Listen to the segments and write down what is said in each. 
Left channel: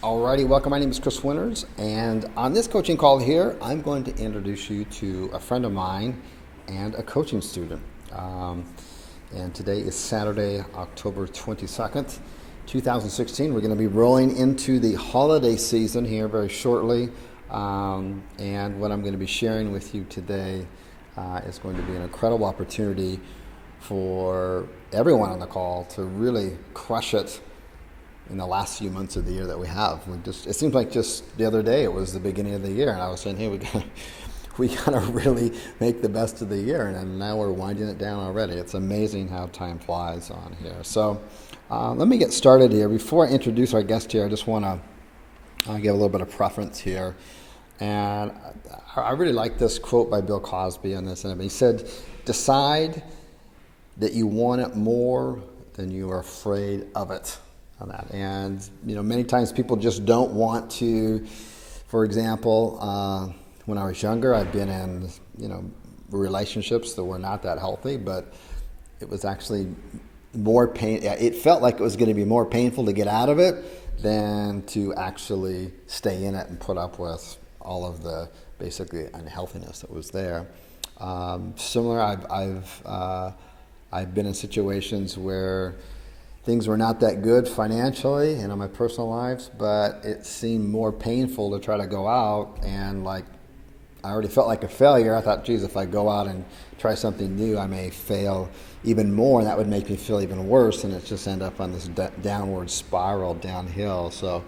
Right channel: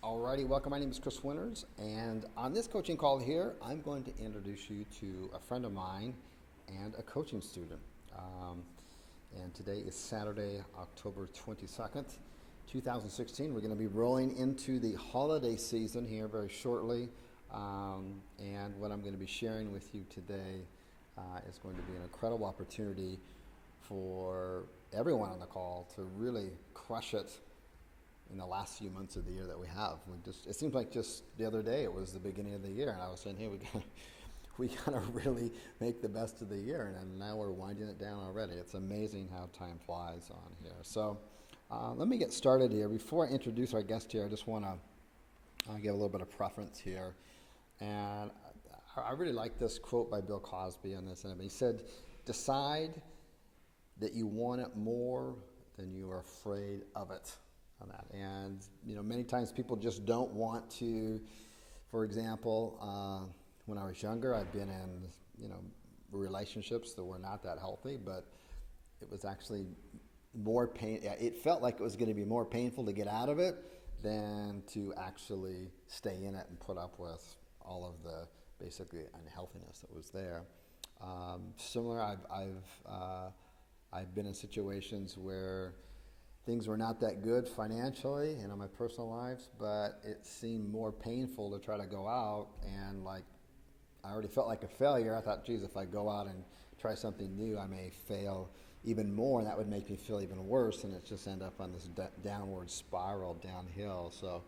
Alrighty, welcome. My name is Chris Winters, and on this coaching call here, I'm going to introduce you to a friend of mine and a coaching student. Um, and today is Saturday, October 22nd, 2016. We're going to be rolling into the holiday season here very shortly. And what I'm going to be sharing with you today is going to be an incredible opportunity for everyone on the call to really crush it in the last few months of the year that we have. It seems like just the other day it was the beginning of the year, and I was saying, hey, we gotta really make the best of the year, and now we're winding it down already. It's amazing how time flies on here. So let me get started here. Before I introduce our guest here, I just want to give a little bit of preference here. And I really like this quote by Bill Cosby on this. And he said, decide that you want it more than you are afraid of it. On that. And many times people just don't want to. For example, when I was younger, I'd been in relationships that were not that healthy, but it was actually more pain. It felt like it was going to be more painful to get out of it than to actually stay in it and put up with all of the basically unhealthiness that was there. Similar, I've been in situations where things were not that good financially and in my personal lives, but it seemed more painful to try to go out, and I already felt like a failure. I thought, geez, if I go out and try something new, I may fail even more, and that would make me feel even worse, and it just end up on this downward spiral downhill. So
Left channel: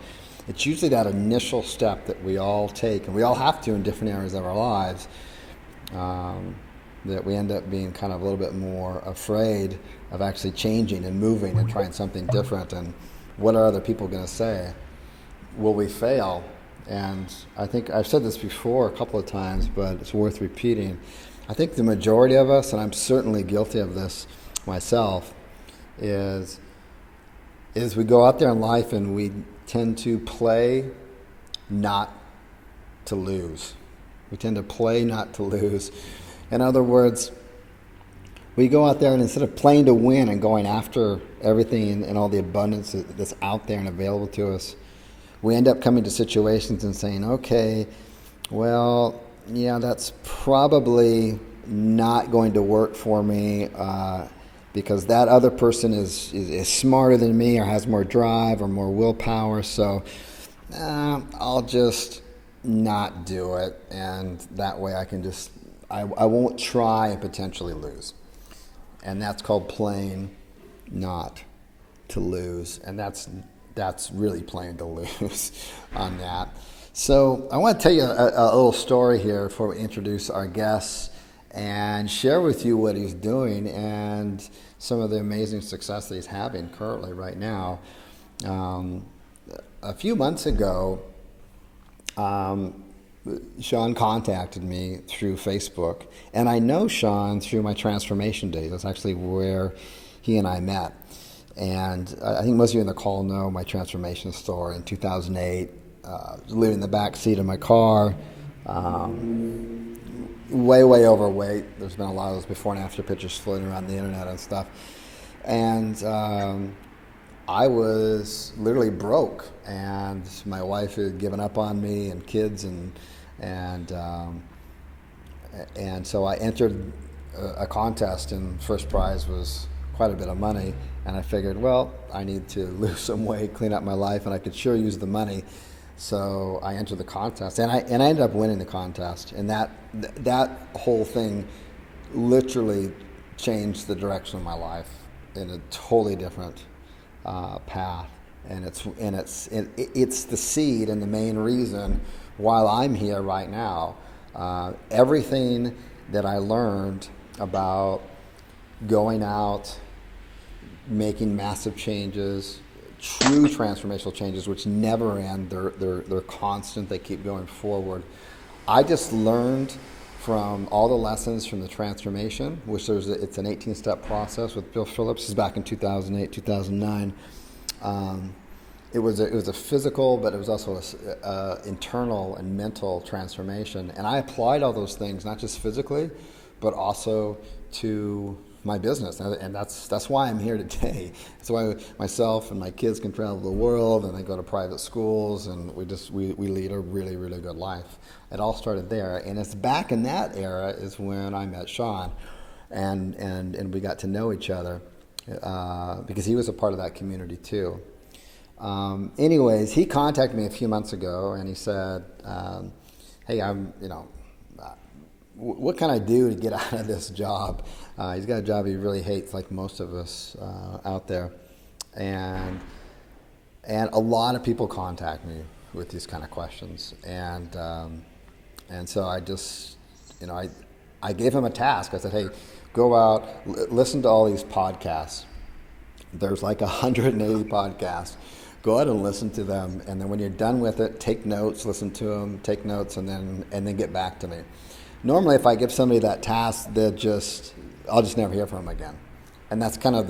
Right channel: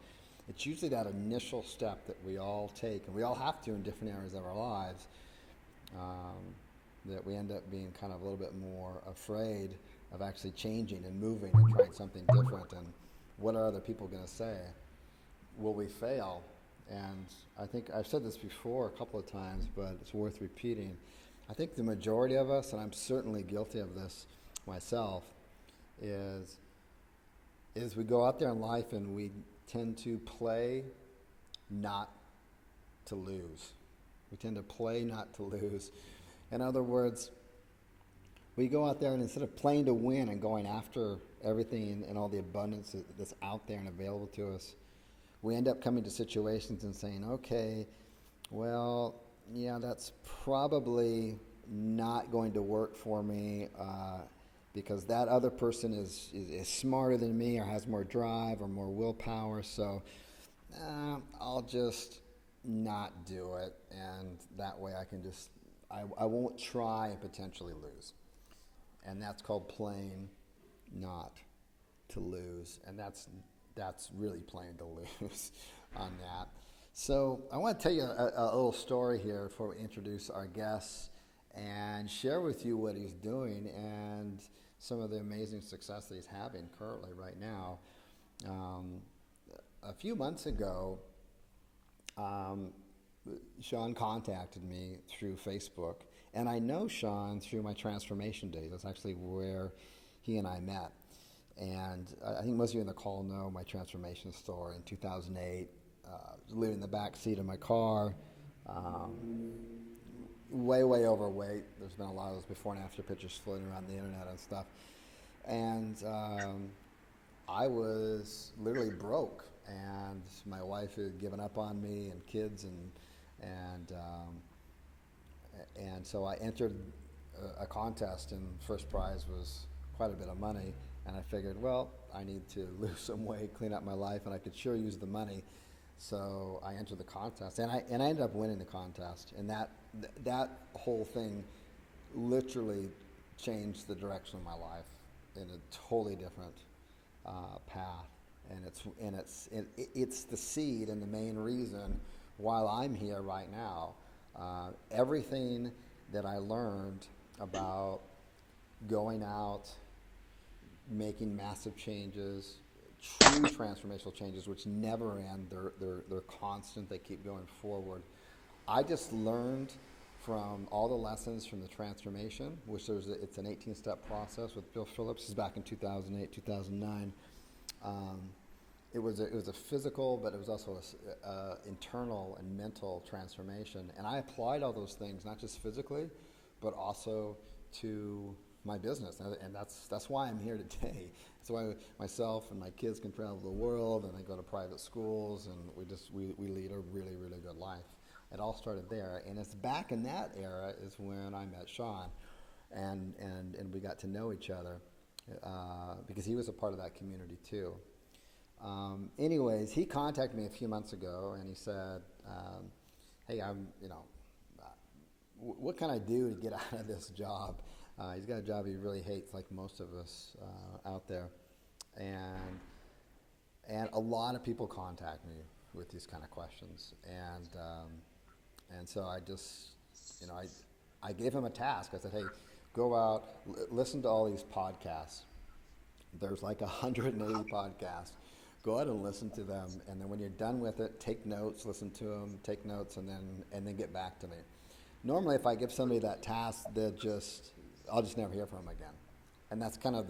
it's usually that initial step that we all take, and we all have to in different areas of our lives, that we end up being kind of a little bit more afraid of actually changing and moving and trying something different. And what are other people going to say? Will we fail? And I think I've said this before a couple of times, but it's worth repeating. I think the majority of us, and I'm certainly guilty of this myself, is we go out there in life and we tend to play not to lose. We tend to play not to lose. In other words, we go out there and instead of playing to win and going after everything and all the abundance that's out there and available to us, we end up coming to situations and saying, okay, well, yeah, that's probably not going to work for me because that other person is smarter than me or has more drive or more willpower, so I'll just not do it, and that way I won't try and potentially lose. And that's called playing not to lose. And that's really playing to lose on that. So I want to tell you a little story here before we introduce our guests and share with you what he's doing and some of the amazing success that he's having currently right now. A few months ago, Sean contacted me through Facebook, and I know Sean through my transformation days. That's actually where he and I met. And I think most of you in the call know my transformation story. In 2008, living in the back seat of my car, way overweight. There's been a lot of those before and after pictures floating around the internet and stuff. And I was literally broke, and my wife had given up on me and kids, and so I entered a contest, and first prize was quite a bit of money, and I figured, well, I need to lose some weight, clean up my life, and I could sure use the money. So I entered the contest, and I ended up winning the contest, and that whole thing literally changed the direction of my life in a totally different path, and it's the seed and the main reason why I'm here right now. Everything that I learned about going out, making massive changes, true transformational changes, which never end. They're constant. They keep going forward. I just learned from all the lessons from the transformation, which it's an 18-step process with Bill Phillips. This is back in 2008, 2009. It was a physical, but it was also a internal and mental transformation. And I applied all those things, not just physically, but also to my business, and that's why I'm here today. That's why myself and my kids can travel the world, and they go to private schools, and we lead a really really good life. It all started there, and it's back in that era is when I met Sean, and we got to know each other because he was a part of that community too. Anyways, he contacted me a few months ago, and he said, "Hey, what can I do to get out of this job?" He's got a job he really hates, like most of us out there, and a lot of people contact me with these kind of questions, and so I just, I gave him a task. I said, "Hey, go out, listen to all these podcasts. There's like 180 podcasts. Go out and listen to them, and then when you're done with it, take notes, listen to them, take notes, and then get back to me." Normally, if I give somebody that task, I'll just never hear from them again, and that's kind of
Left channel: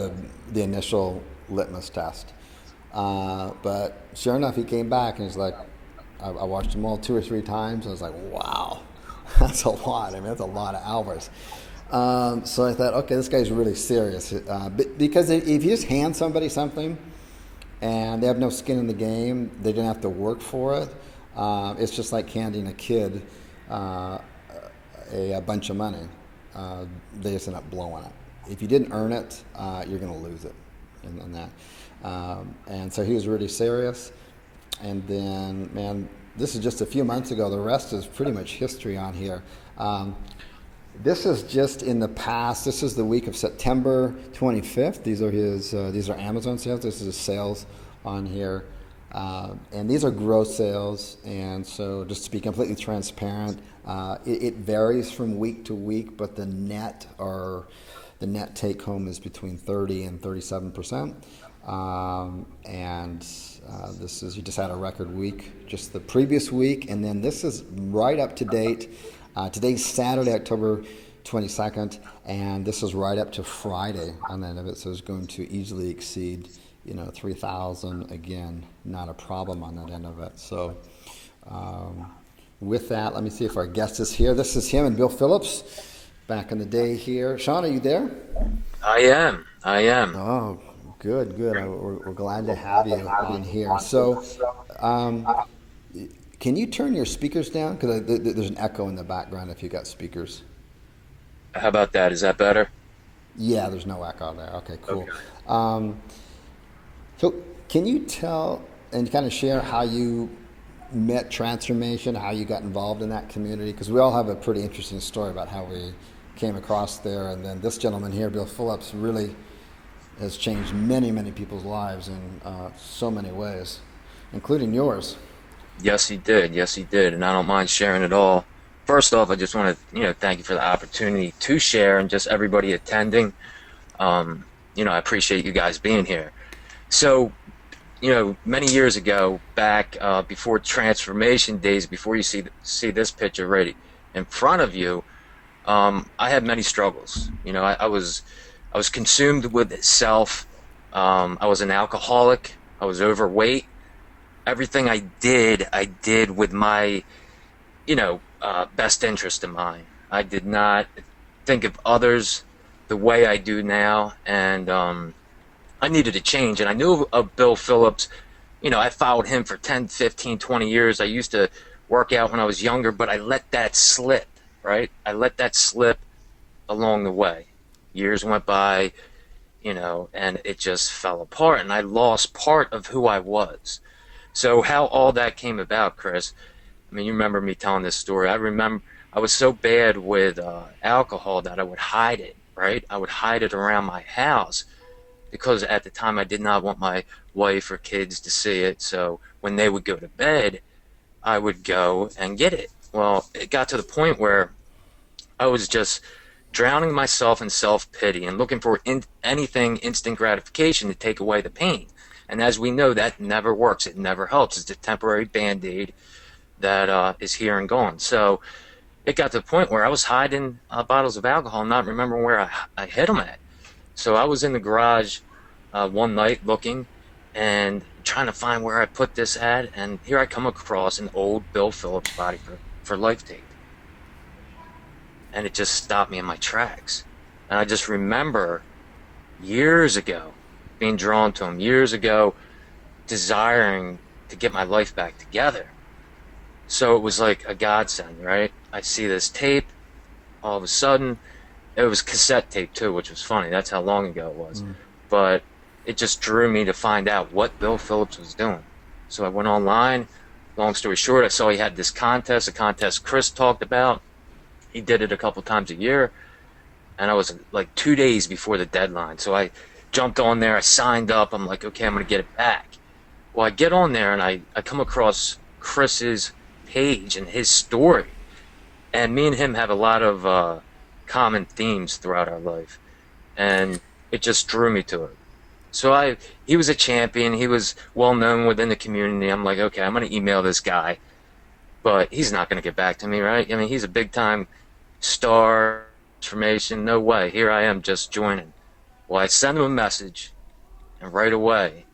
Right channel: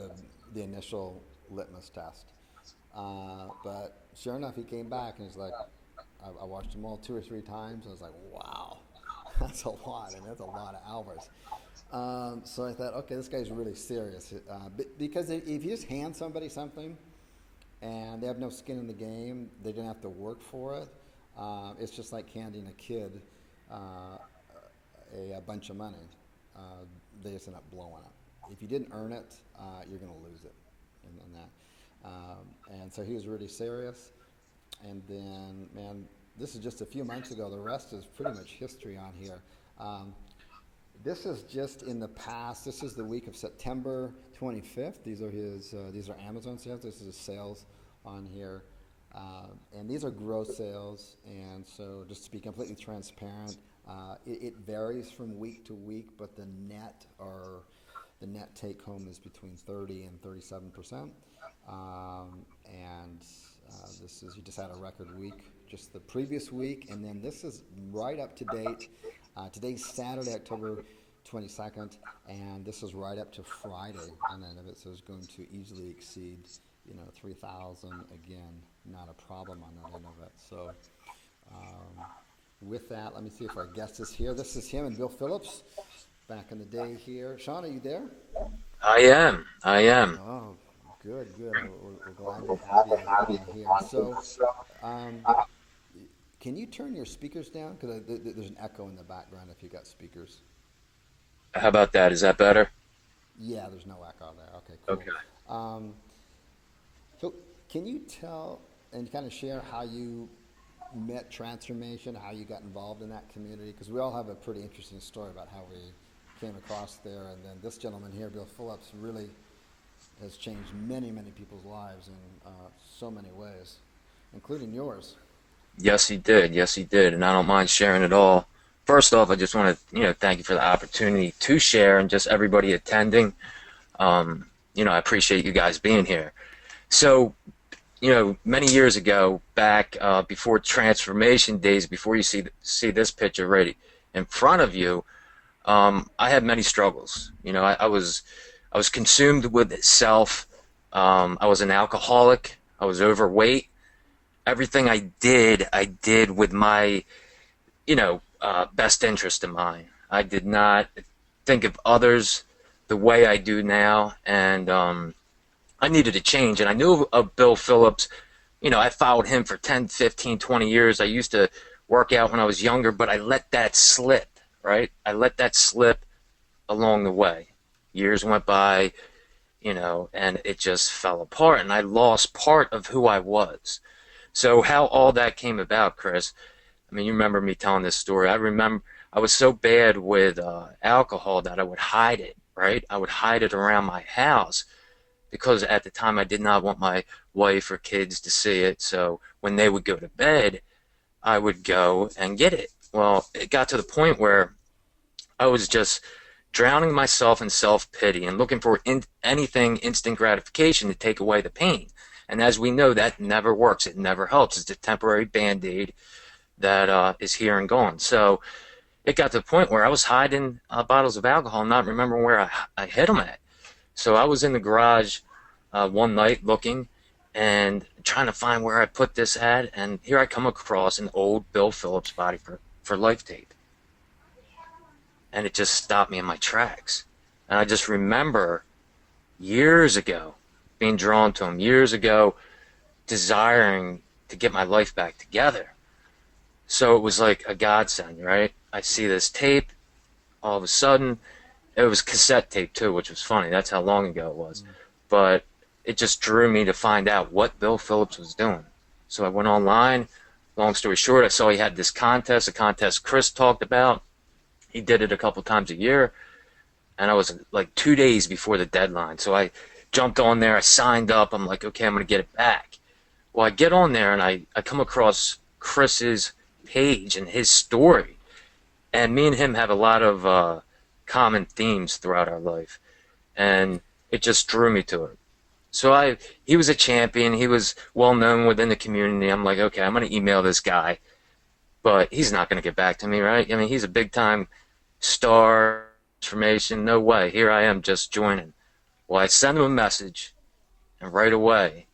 the initial litmus test. But sure enough, he came back and he's like, I watched them all 2 or 3 times. I was like, wow, that's a lot. I mean, that's a lot of hours. So I thought, okay, this guy's really serious. Because if you just hand somebody something and they have no skin in the game, they didn't have to work for it. It's just like handing a kid a bunch of money. They just end up blowing it. If you didn't earn it, you're going to lose it in that. And so he was really serious. And then, man, this is just a few months ago. The rest is pretty much history on here. This is just in the past. This is the week of September 25th. These are Amazon sales. This is his sales on here. And these are gross sales. And so just to be completely transparent, it varies from week to week, but the net take home is between 30 and 37%. He just had a record week just the previous week, and then this is right up to date. Today's Saturday, October 22nd, and this is right up to Friday on the end of it, so it's going to easily exceed 3,000 again. Not a problem on that end of it. So with that, let me see if our guest is here. This is him and Bill Phillips back in the day here. Sean, are you there? I am. Oh, good. We're glad to have you in here. So, can you turn your speakers down? Because there's an echo in the background if you got speakers. How about that? Is that better? Yeah, there's no echo there. Okay, cool. Okay. So, can you tell and kind of share how you met Transformation, how you got involved in that community? Because we all have a pretty interesting story about how we came across there. And then this gentleman here, Bill Phillips, really has changed many, many people's lives in so many ways, including yours. Yes, he did. Yes, he did. And I don't mind sharing it all. First off, I just want to, thank you for the opportunity to share and just everybody attending. I appreciate you guys being here. So, many years ago, back before transformation days, before you see this picture right in front of you, I had many struggles. I was consumed with self. I was an alcoholic. I was overweight. Everything I did with my, best interest in mind. I did not think of others the way I do now, and I needed to change. And I knew of Bill Phillips. I followed him for 10, 15, 20 years. I used to work out when I was younger, but I let that slip, right? I let that slip along the way. Years went by, and it just fell apart, and I lost part of who I was. So how all that came about, Chris, you remember me telling this story. I remember I was so bad with alcohol that I would hide it, right? I would hide it around my house because at the time I did not want my wife or kids to see it. So when they would go to bed, I would go and get it. Well, it got to the point where I was just drowning myself in self-pity and looking for anything instant gratification to take away the pain. And as we know, that never works. It never helps. It's a temporary Band-Aid that is here and gone. So it got to the point where I was hiding bottles of alcohol and not remembering where I hid them at. So I was in the garage one night looking and trying to find where I put this at. And here I come across an old Bill Phillips Body for Life tape. And it just stopped me in my tracks. And I just remember years ago being drawn to him, years ago desiring to get my life back together. So it was like a godsend, right? I see this tape, all of a sudden, it was cassette tape too, which was funny. That's how long ago it was. But it just drew me to find out what Bill Phillips was doing. So I went online. Long story short, I saw he had this contest, a contest Chris talked about. He did it a couple times a year, and I was like 2 days before the deadline. So I jumped on there, I signed up. I'm like, okay, I'm going to get it back. Well, I get on there, and I come across Chris's page and his story. And me and him have a lot of common themes throughout our life. And it just drew me to it. So he was a champion. He was well known within the community. I'm like, okay, I'm going to email this guy, but he's not going to get back to me, right? I mean, he's a big time star, transformation. No way. Here I am just joining. Well, I send him a message, and right away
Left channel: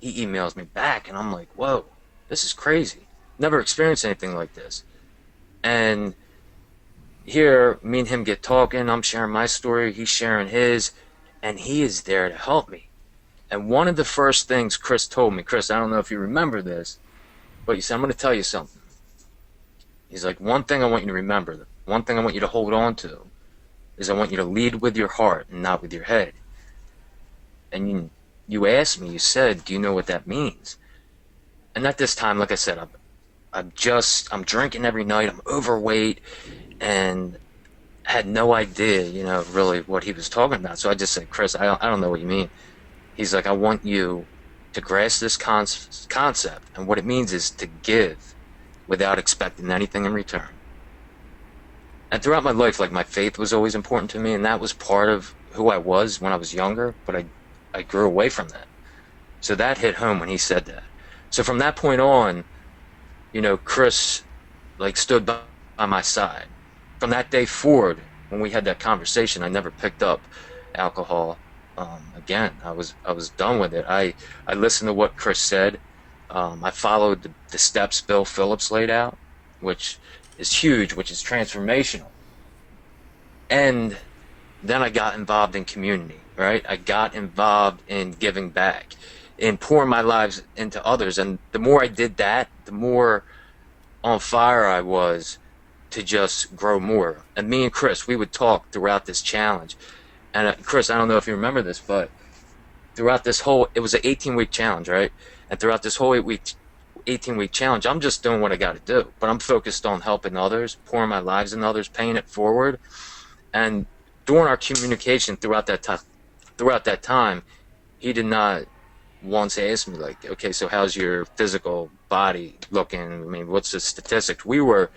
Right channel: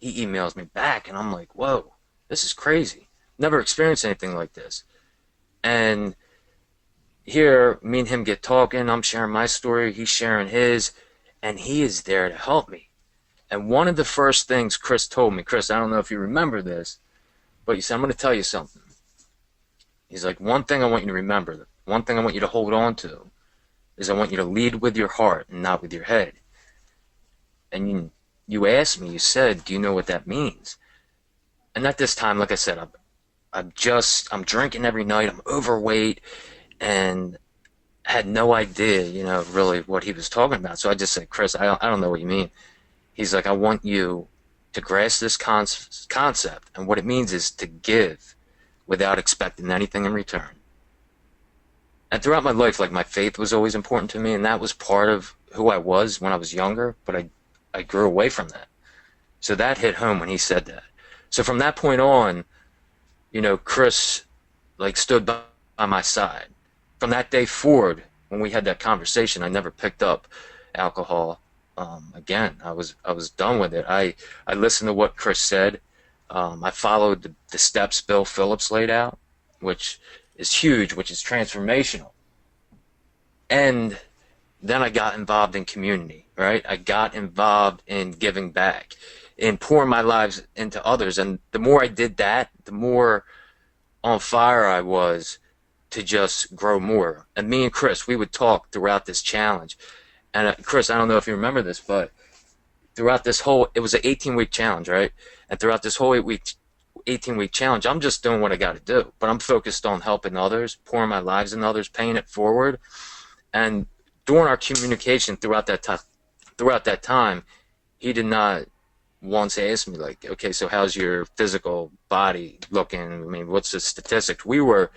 he emails me back, and I'm like, whoa, this is crazy. Never experienced anything like this. And here, me and him get talking. I'm sharing my story. He's sharing his, and he is there to help me. And one of the first things Chris told me, Chris, I don't know if you remember this, but he said, I'm going to tell you something. He's like, one thing I want you to remember, one thing I want you to hold on to, is I want you to lead with your heart and not with your head. And you asked me, you said, do you know what that means? And at this time, like I said, I'm drinking every night, I'm overweight, and had no idea, really what he was talking about. So I just said, Chris, I don't know what you mean. He's like, I want you to grasp this concept, and what it means is to give without expecting anything in return. And throughout my life, like, my faith was always important to me, and that was part of who I was when I was younger, but I grew away from that. So that hit home when he said that. So from that point on, Chris, like, stood by my side. From that day forward, when we had that conversation, I never picked up alcohol again. I was done with it. I listened to what Chris said. I followed the steps Bill Phillips laid out, which is huge, which is transformational. And then I got involved in community, right? I got involved in giving back, in pouring my lives into others. And the more I did that, the more on fire I was to just grow more. And me and Chris, we would talk throughout this challenge. And Chris, I don't know if you remember this, but throughout this it was an 18-week challenge, right? And throughout this whole 18-week challenge, I'm just doing what I got to do. But I'm focused on helping others, pouring my lives in others, paying it forward. And during our communication throughout that time, he did not once ask me, like, okay, so how's your physical body looking? I mean, what's the statistics? We were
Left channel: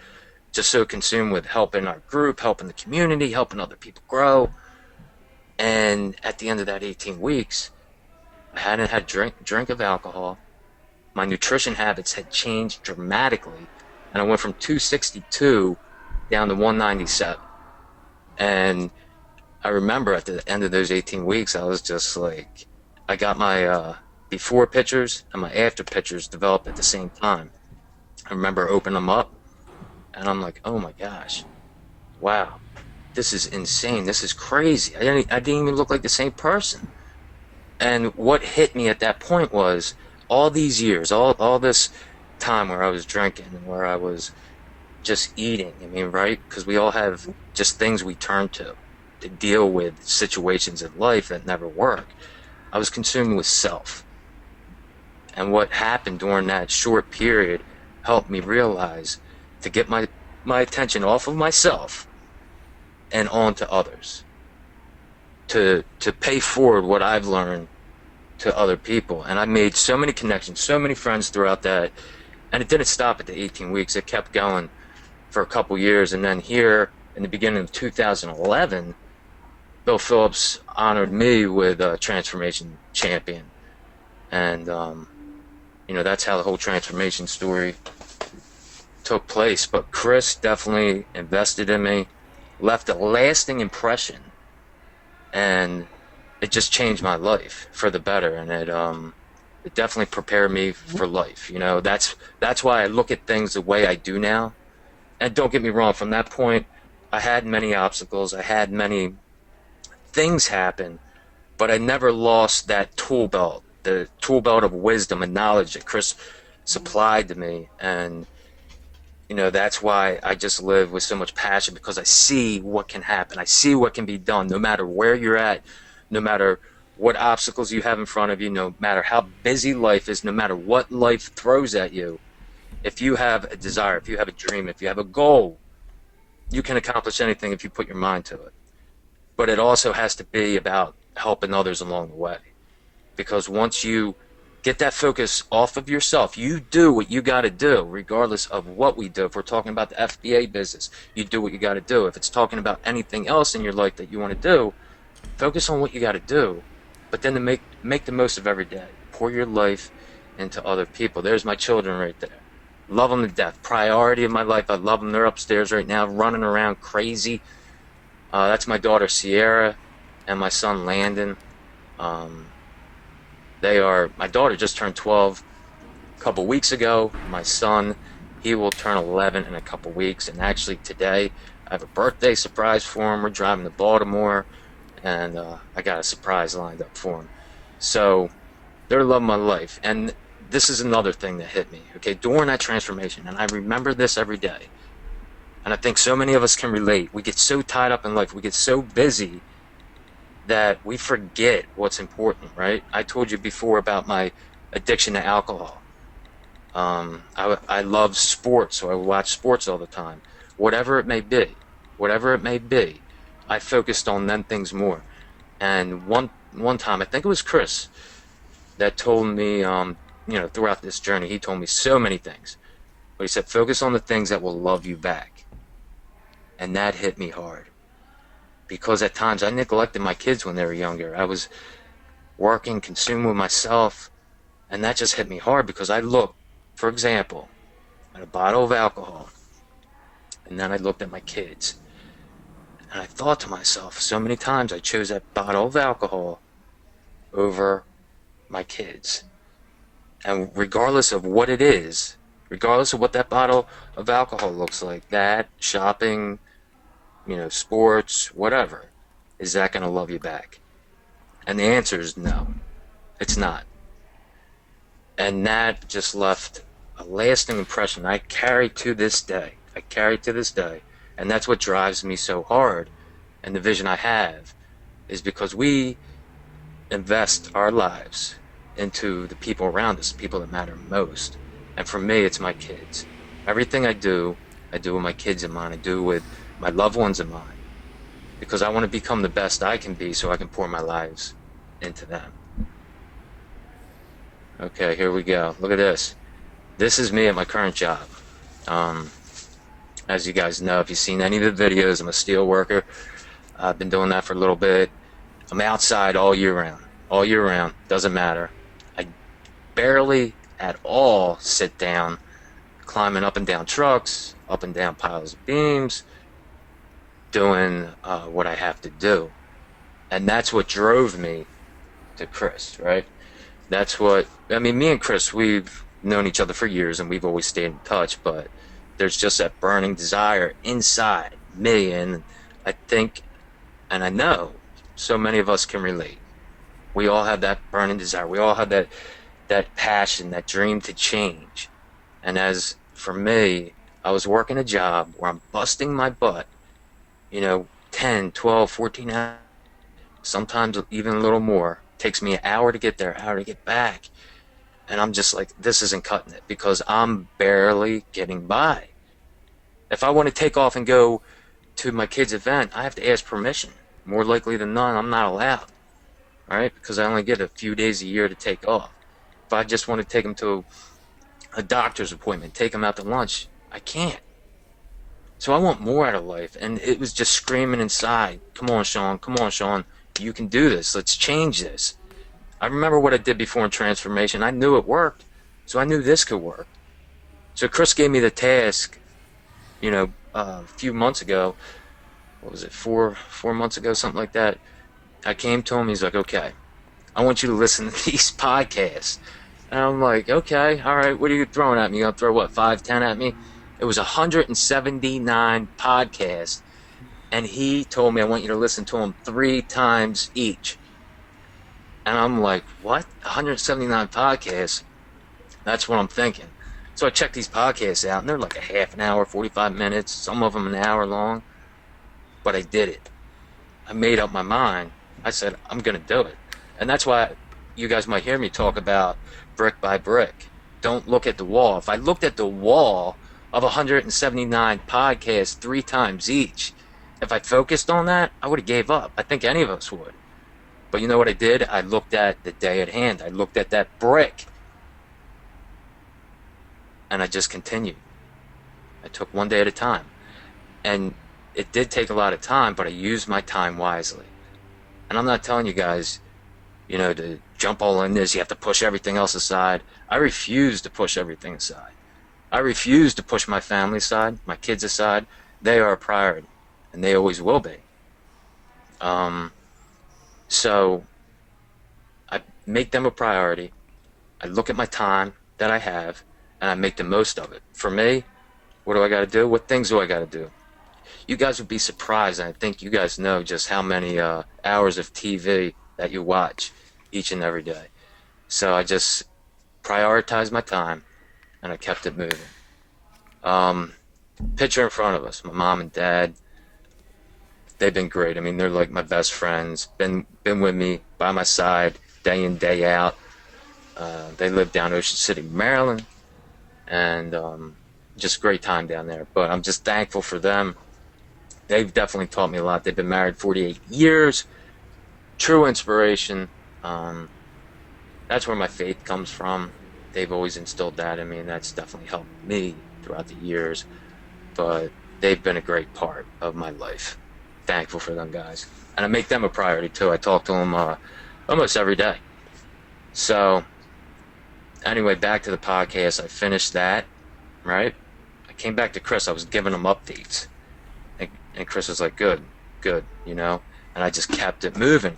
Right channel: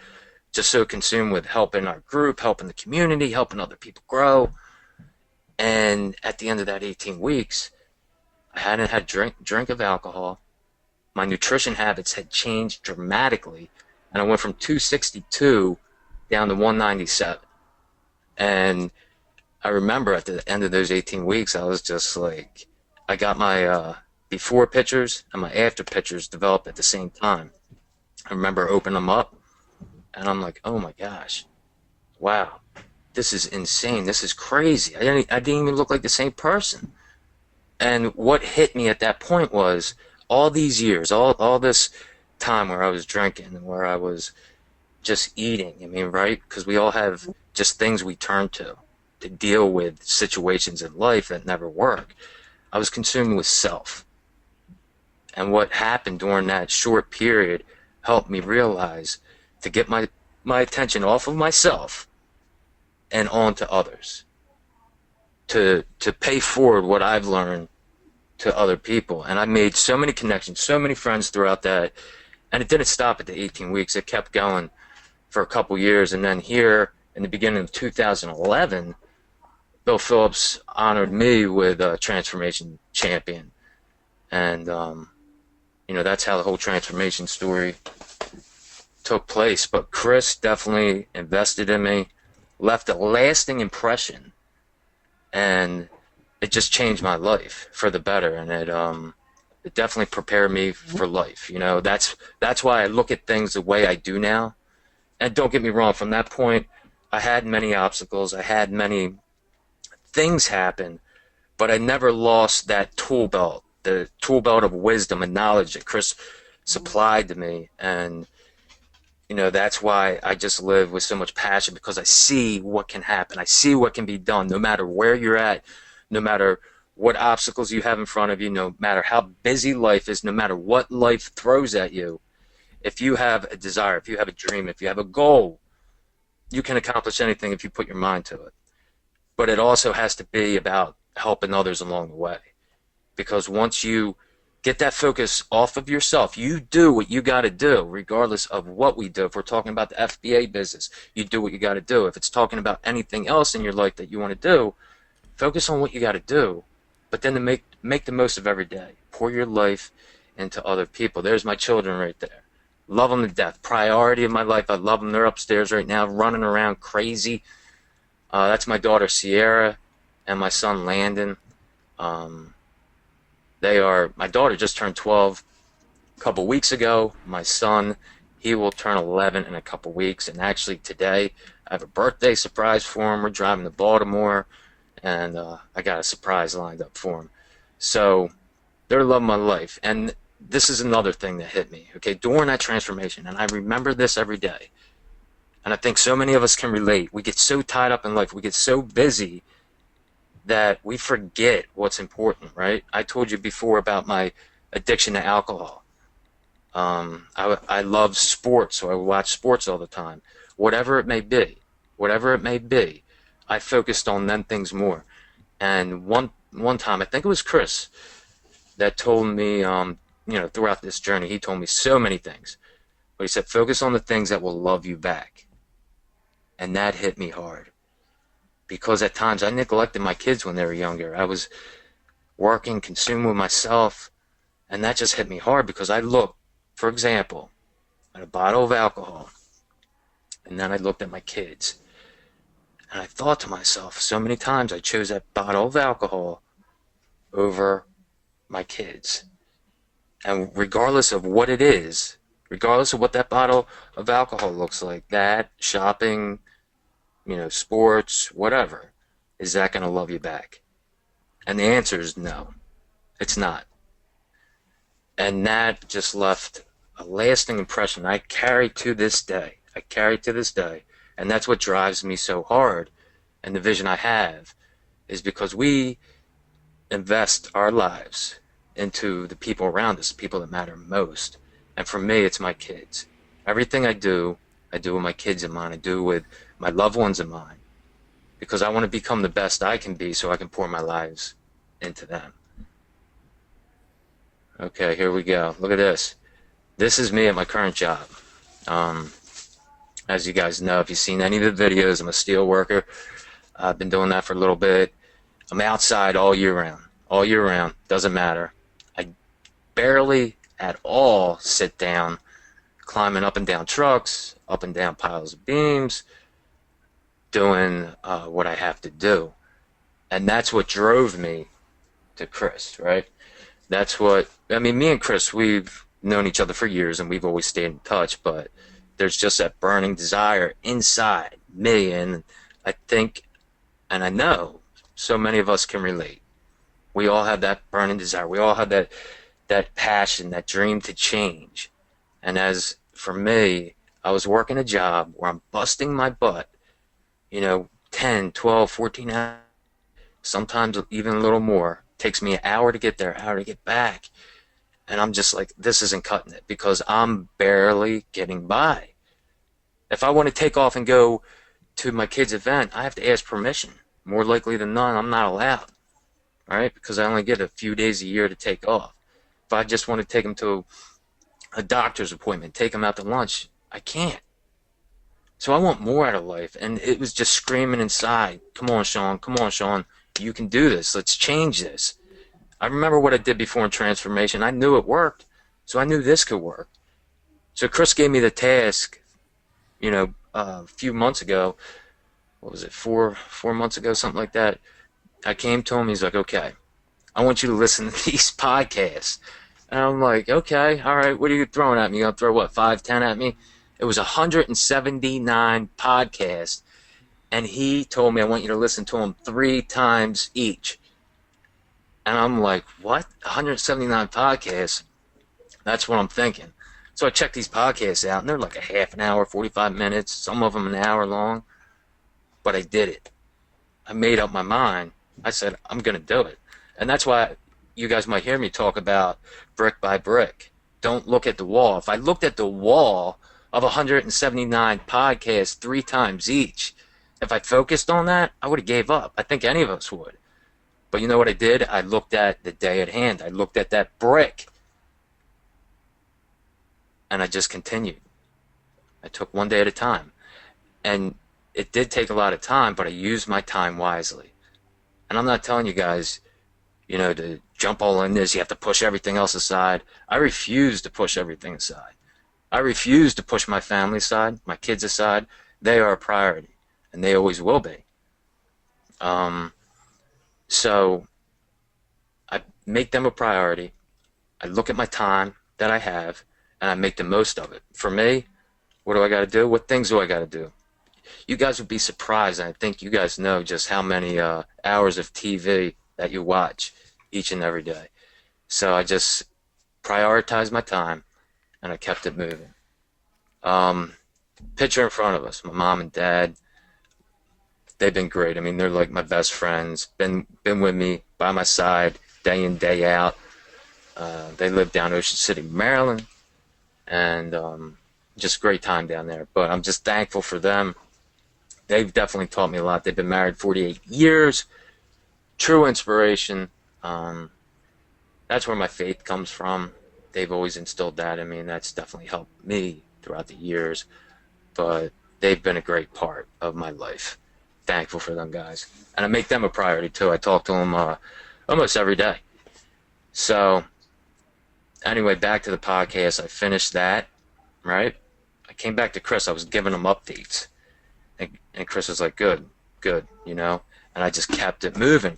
just so consumed with helping our group, helping the community, helping other people grow. And at the end of that 18 weeks, I hadn't had drink of alcohol. My nutrition habits had changed dramatically, and I went from 262 down to 197. And I remember at the end of those 18 weeks, I was just like, I got my before pictures and my after pictures developed at the same time. I remember opening them up, and I'm like, oh my gosh, wow, this is insane. This is crazy. I didn't even look like the same person. And what hit me at that point was all these years, all this time where I was drinking and where I was just eating. I mean, right? Because we all have just things we turn to deal with situations in life that never work. I was consumed with self. And what happened during that short period helped me realize to get my attention off of myself and onto others. To pay forward what I've learned to other people. And I made so many connections, so many friends throughout that. And it didn't stop at the 18 weeks. It kept going for a couple years. And then here in the beginning of 2011, Bill Phillips honored me with a transformation champion. And, that's how the whole transformation story took place. But Chris definitely invested in me, left a lasting impression, and it just changed my life for the better. And it definitely prepared me for life. That's why I look at things the way I do now. And don't get me wrong, from that point, I had many obstacles. I had many things happen, but I never lost that tool belt, the tool belt of wisdom and knowledge that Chris supplied to me. And, that's why I just live with so much passion, because I see what can happen. I see what can be done, no matter where you're at, no matter what obstacles you have in front of you, no matter how busy life is, no matter what life throws at you. If you have a desire, if you have a dream, if you have a goal, you can accomplish anything if you put your mind to it. But it also has to be about helping others along the way. Because once you get that focus off of yourself, you do what you got to do, regardless of what we do. If we're talking about the FBA business, you do what you got to do. If it's talking about anything else in your life that you want to do, focus on what you got to do, but then to make the most of every day. Pour your life into other people. There's my children right there. Love them to death. Priority of my life. I love them. They're upstairs right now, running around crazy. That's my daughter Sierra and my son Landon. My daughter just turned 12 a couple weeks ago. My son, he will turn 11 in a couple weeks. And actually today, I have a birthday surprise for him. We're driving to Baltimore, and I got a surprise lined up for him. So they're loving my life. And this is another thing that hit me, okay, during that transformation. And I remember this every day. And I think so many of us can relate. We get so tied up in life. We get so busy that we forget what's important, right? I told you before about my addiction to alcohol. I love sports, so I watch sports all the time. Whatever it may be, I focused on them things more. And one time, I think it was Chris that told me, throughout this journey, he told me so many things. But he said, focus on the things that will love you back. And that hit me hard. Because at times I neglected my kids when they were younger. I was working, consumed with myself, and that just hit me hard because I looked, for example, at a bottle of alcohol, and then I looked at my kids. And I thought to myself, so many times I chose that bottle of alcohol over my kids. And regardless of what it is, regardless of what that bottle of alcohol looks like, that, shopping, sports, whatever, is that going to love you back? And the answer is no, it's not. And that just left a lasting impression I carry to this day. And that's what drives me so hard. And the vision I have is because we invest our lives into the people around us, the people that matter most. And for me, it's my kids. Everything I do with my kids in mind. I do with my loved ones in mind. Because I want to become the best I can be so I can pour my lives into them. Okay, here we go. Look at this. This is me at my current job. As you guys know, if you've seen any of the videos, I'm a steel worker. I've been doing that for a little bit. I'm outside all year round. All year round. Doesn't matter. I barely at all sit down, climbing up and down trucks, up and down piles of beams, doing what I have to do. And that's what drove me to Chris, right? Me and Chris, we've known each other for years and we've always stayed in touch, but there's just that burning desire inside me, and I think, and I know, so many of us can relate. We all have that burning desire. We all have that passion, that dream to change. And as for me, I was working a job where I'm busting my butt, 10, 12, 14 hours, sometimes even a little more. It takes me an hour to get there, an hour to get back. And I'm just like, this isn't cutting it because I'm barely getting by. If I want to take off and go to my kid's event, I have to ask permission. More likely than not, I'm not allowed. All right? Because I only get a few days a year to take off. If I just want to take them to a doctor's appointment, take them out to lunch, I can't. So I want more out of life. And it was just screaming inside, come on, Sean, you can do this. Let's change this. I remember what I did before in transformation. I knew it worked, so I knew this could work. So Chris gave me the task, a few months ago. What was it, 4 months ago, something like that. I came to him, he's like, okay, I want you to listen to these podcasts. And I'm like, okay, all right, what are you throwing at me? You gonna throw, 5, 10 at me? It was 179 podcasts. And he told me, I want you to listen to them 3 times each. And I'm like, what? 179 podcasts? That's what I'm thinking. So I checked these podcasts out, and they're like a half an hour, 45 minutes, some of them an hour long. But I did it. I made up my mind. I said, I'm going to do it. And that's why you guys might hear me talk about brick by brick. Don't look at the wall. If I looked at the wall of 179 podcasts 3 times each, if I focused on that, I would have gave up. I think any of us would. But you know what I did? I looked at the day at hand. I looked at that brick, and I just continued. I took one day at a time. And it did take a lot of time, but I used my time wisely. And I'm not telling you guys, to jump all in this, you have to push everything else aside. I refuse to push everything aside. I refuse to push my family aside, my kids aside. They are a priority, and they always will be. So I make them a priority. I look at my time that I have, and I make the most of it. For me, what do I got to do? What things do I got to do? You guys would be surprised, and I think you guys know just how many hours of TV that you watch each and every day. So I just prioritized my time, and I kept it moving. Picture in front of us, my mom and dad. They've been great. I mean, they're like my best friends. Been with me by my side day in, day out. They live down Ocean City, Maryland, and just great time down there. But I'm just thankful for them. They've definitely taught me a lot. They've been married 48 years. True inspiration. That's where my faith comes from. They've always instilled that in me, and that's definitely helped me throughout the years. But they've been a great part of my life. Thankful for them guys. And I make them a priority too. I talk to them almost every day. So anyway, back to the podcast. I finished that, right? I came back to Chris. I was giving him updates. And Chris was like, good, And I just kept it moving.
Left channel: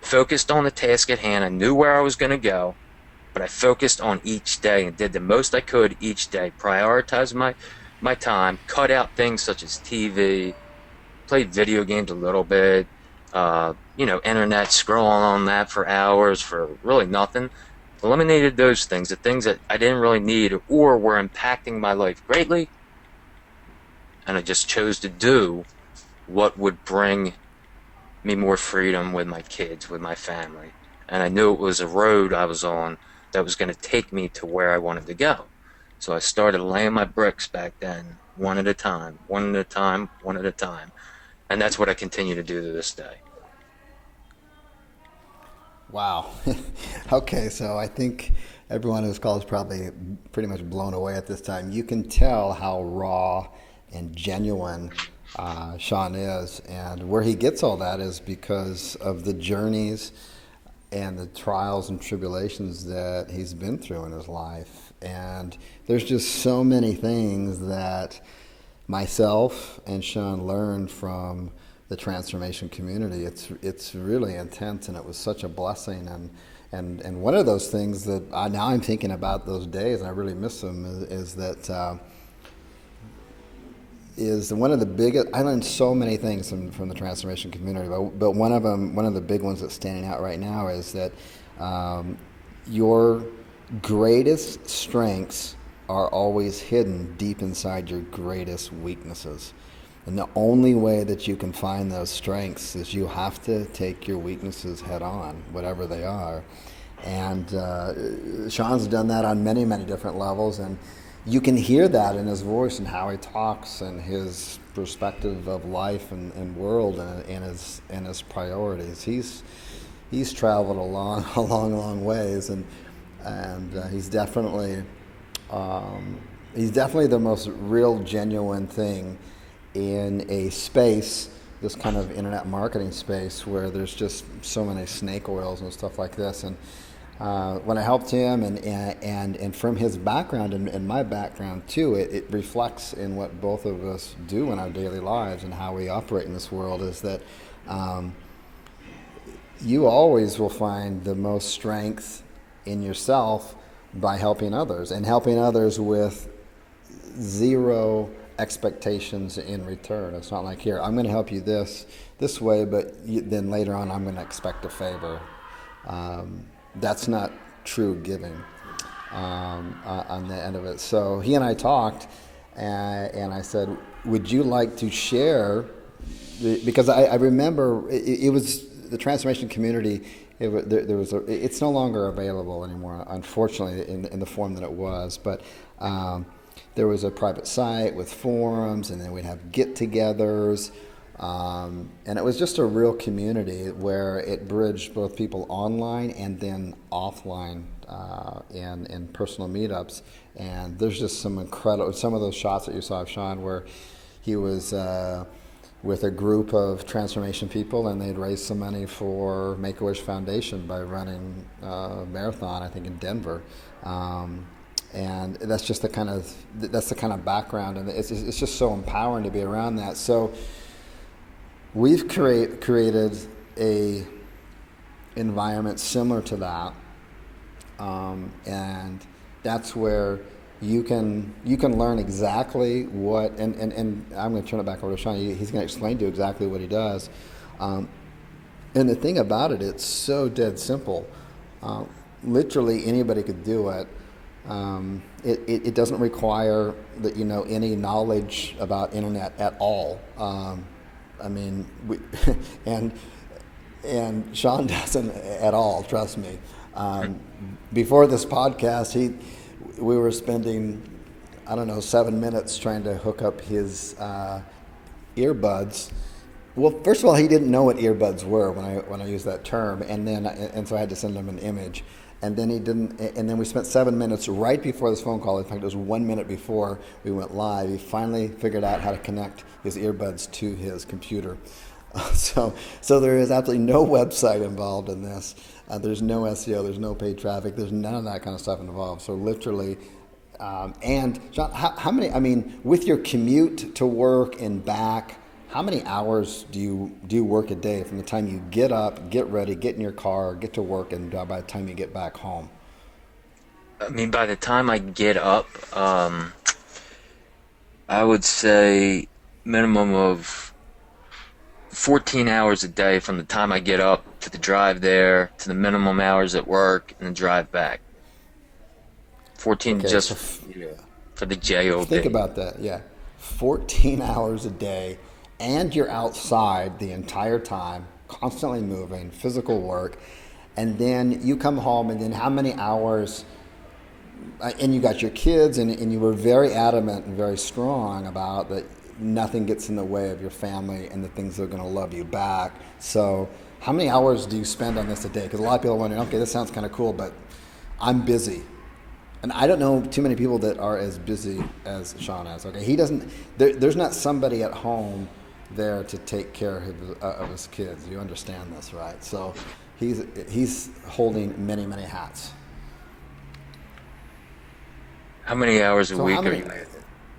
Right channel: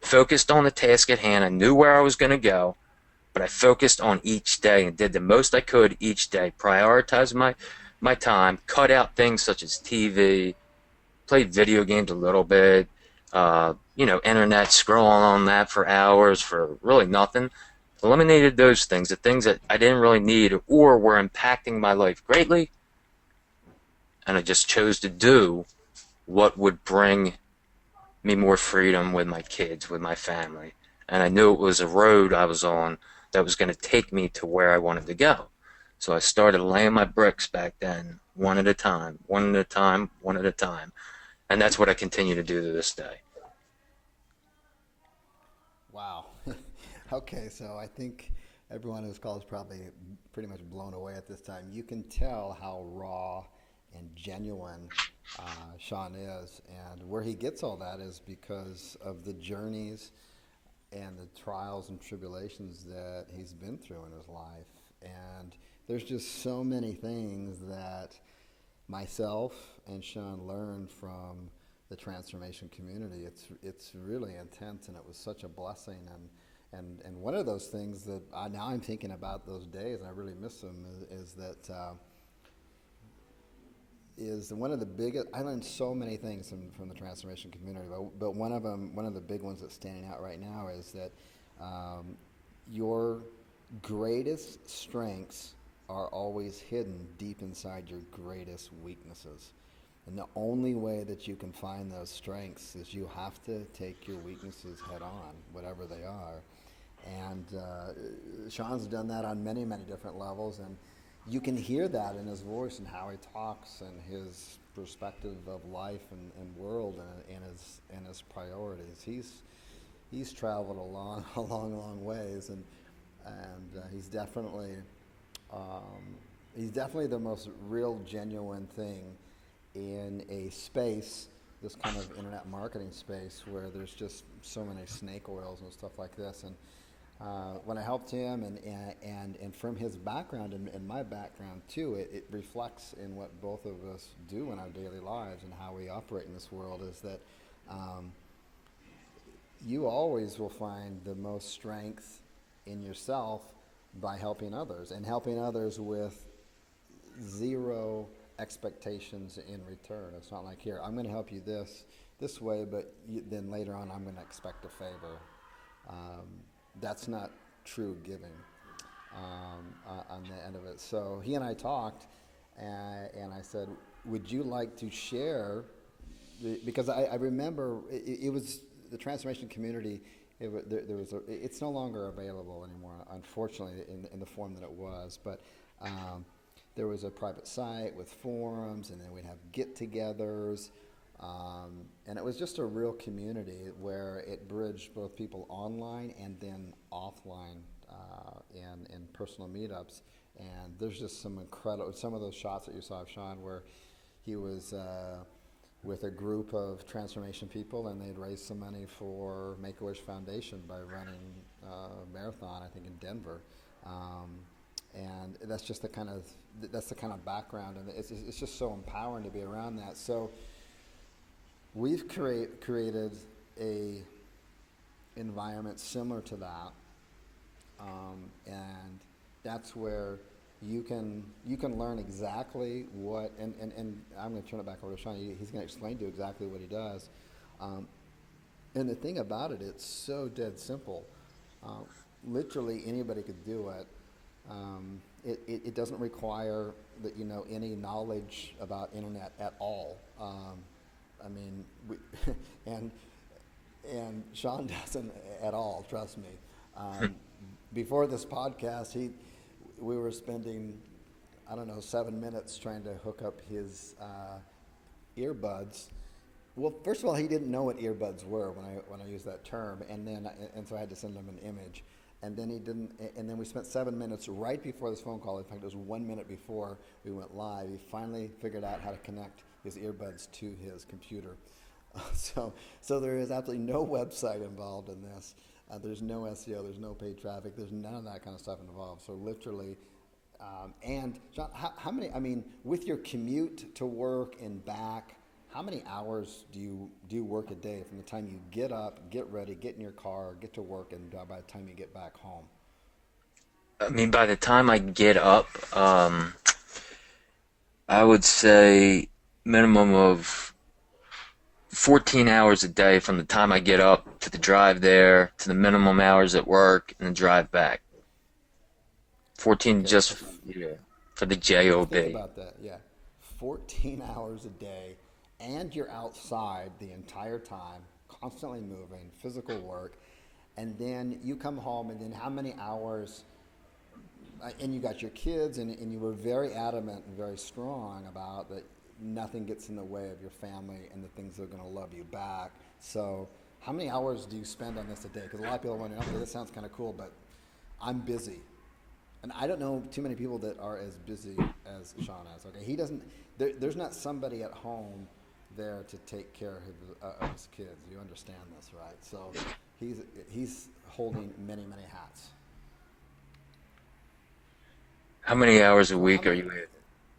Focused on the task at hand. I knew where I was going to go, but I focused on each day and did the most I could each day. Prioritized my time, cut out things such as TV, played video games a little bit, internet, scrolling on that for hours for really nothing. Eliminated those things, the things that I didn't really need or were impacting my life greatly. And I just chose to do what would bring me more freedom with my kids, with my family. And I knew it was a road I was on that was going to take me to where I wanted to go. So I started laying my bricks back then, one at a time. And that's what I continue to do to this day. Wow. Okay, so I think everyone who's called is probably pretty much blown away at this time. You can tell how raw and genuine Sean is, and where he gets all that is because of the journeys and the trials and tribulations that he's been through in his life. And there's just so many things that myself and Sean learned from the transformation community. It's really intense, and it was such a blessing. And one of those things that now I'm thinking about those days, and I really miss them, is that is one of the biggest. I learned so many things from the transformation community, but one of the big ones that's standing out right now is that your greatest strengths are always hidden deep inside your greatest weaknesses. And the only way that you can find those strengths is you have to take your weaknesses head on, whatever they are. And Sean's done that on many, many different levels, and you can hear that in his voice and how he talks and his perspective of life and world and his priorities. He's traveled a long ways, and he's definitely the most real, genuine thing in a space, this kind of internet marketing space, where there's just so many snake oils and stuff like this. And when I helped him, and from his background and my background too, it reflects in what both of us do in our daily lives and how we operate in this world, is that you always will find the most strength in yourself by helping others, and helping others with zero expectations in return. It's not like, here, I'm going to help you this way, but then later on I'm going to expect a favor. That's not true giving on the end of it. So he and I talked, and I said, would you like to share? Because I remember it was the transformation community. It's no longer available anymore, unfortunately, in the form that it was. But there was a private site with forums, and then we'd have get-togethers. And it was just a real community where it bridged both people online and then offline in personal meetups. And there's just some of those shots that you saw of Sean where he was with a group of transformation people, and they'd raised some money for Make-A-Wish Foundation by running a marathon, I think, in Denver. And that's just the kind of background, and it's just so empowering to be around that. So we've created a environment similar to that, and that's where you can learn exactly what, and I'm going to turn it back over to Sean. He's going to explain to you exactly what he does. And the thing about it, it's so dead simple. Literally anybody could do it. It doesn't require that you know any knowledge about internet at all. I mean, and Sean doesn't at all. Trust me. Before this podcast, we were spending, I don't know, 7 minutes trying to hook up his earbuds. Well, first of all, he didn't know what earbuds were when I used that term, and so I had to send him an image. And then he didn't. And then we spent 7 minutes right before this phone call. In fact, it was 1 minute before we went live. He finally figured out how to connect his earbuds to his computer. So there is absolutely no website involved in this. There's no SEO. There's no paid traffic. There's none of that kind of stuff involved. So literally, and John, how many? I mean, with your commute to work and back, how many hours do you work a day from the time you get up, get ready, get in your car, get to work, and by the time you get back home? I mean, by the time I get up, I would say minimum of 14 hours a day from the time I get up to the drive there to the minimum hours at work and the drive back. 14 Okay, just yeah. for the job. Think about that. Yeah, 14 hours a day, and you're outside the entire time, constantly moving, physical work, and then you come home, and then how many hours? And you got your kids, and you were very adamant and very strong about that. Nothing gets in the way of your family and the things that are going to love you back. So how many hours do you spend on this a day? Because a lot of people are wondering, okay, this sounds kind of cool, but I'm busy. And I don't know too many people that are as busy as Sean is. Okay, he doesn't. There's not somebody at home there to take care of his kids. You understand this, right? So he's holding many hats. How many hours a So week are you at?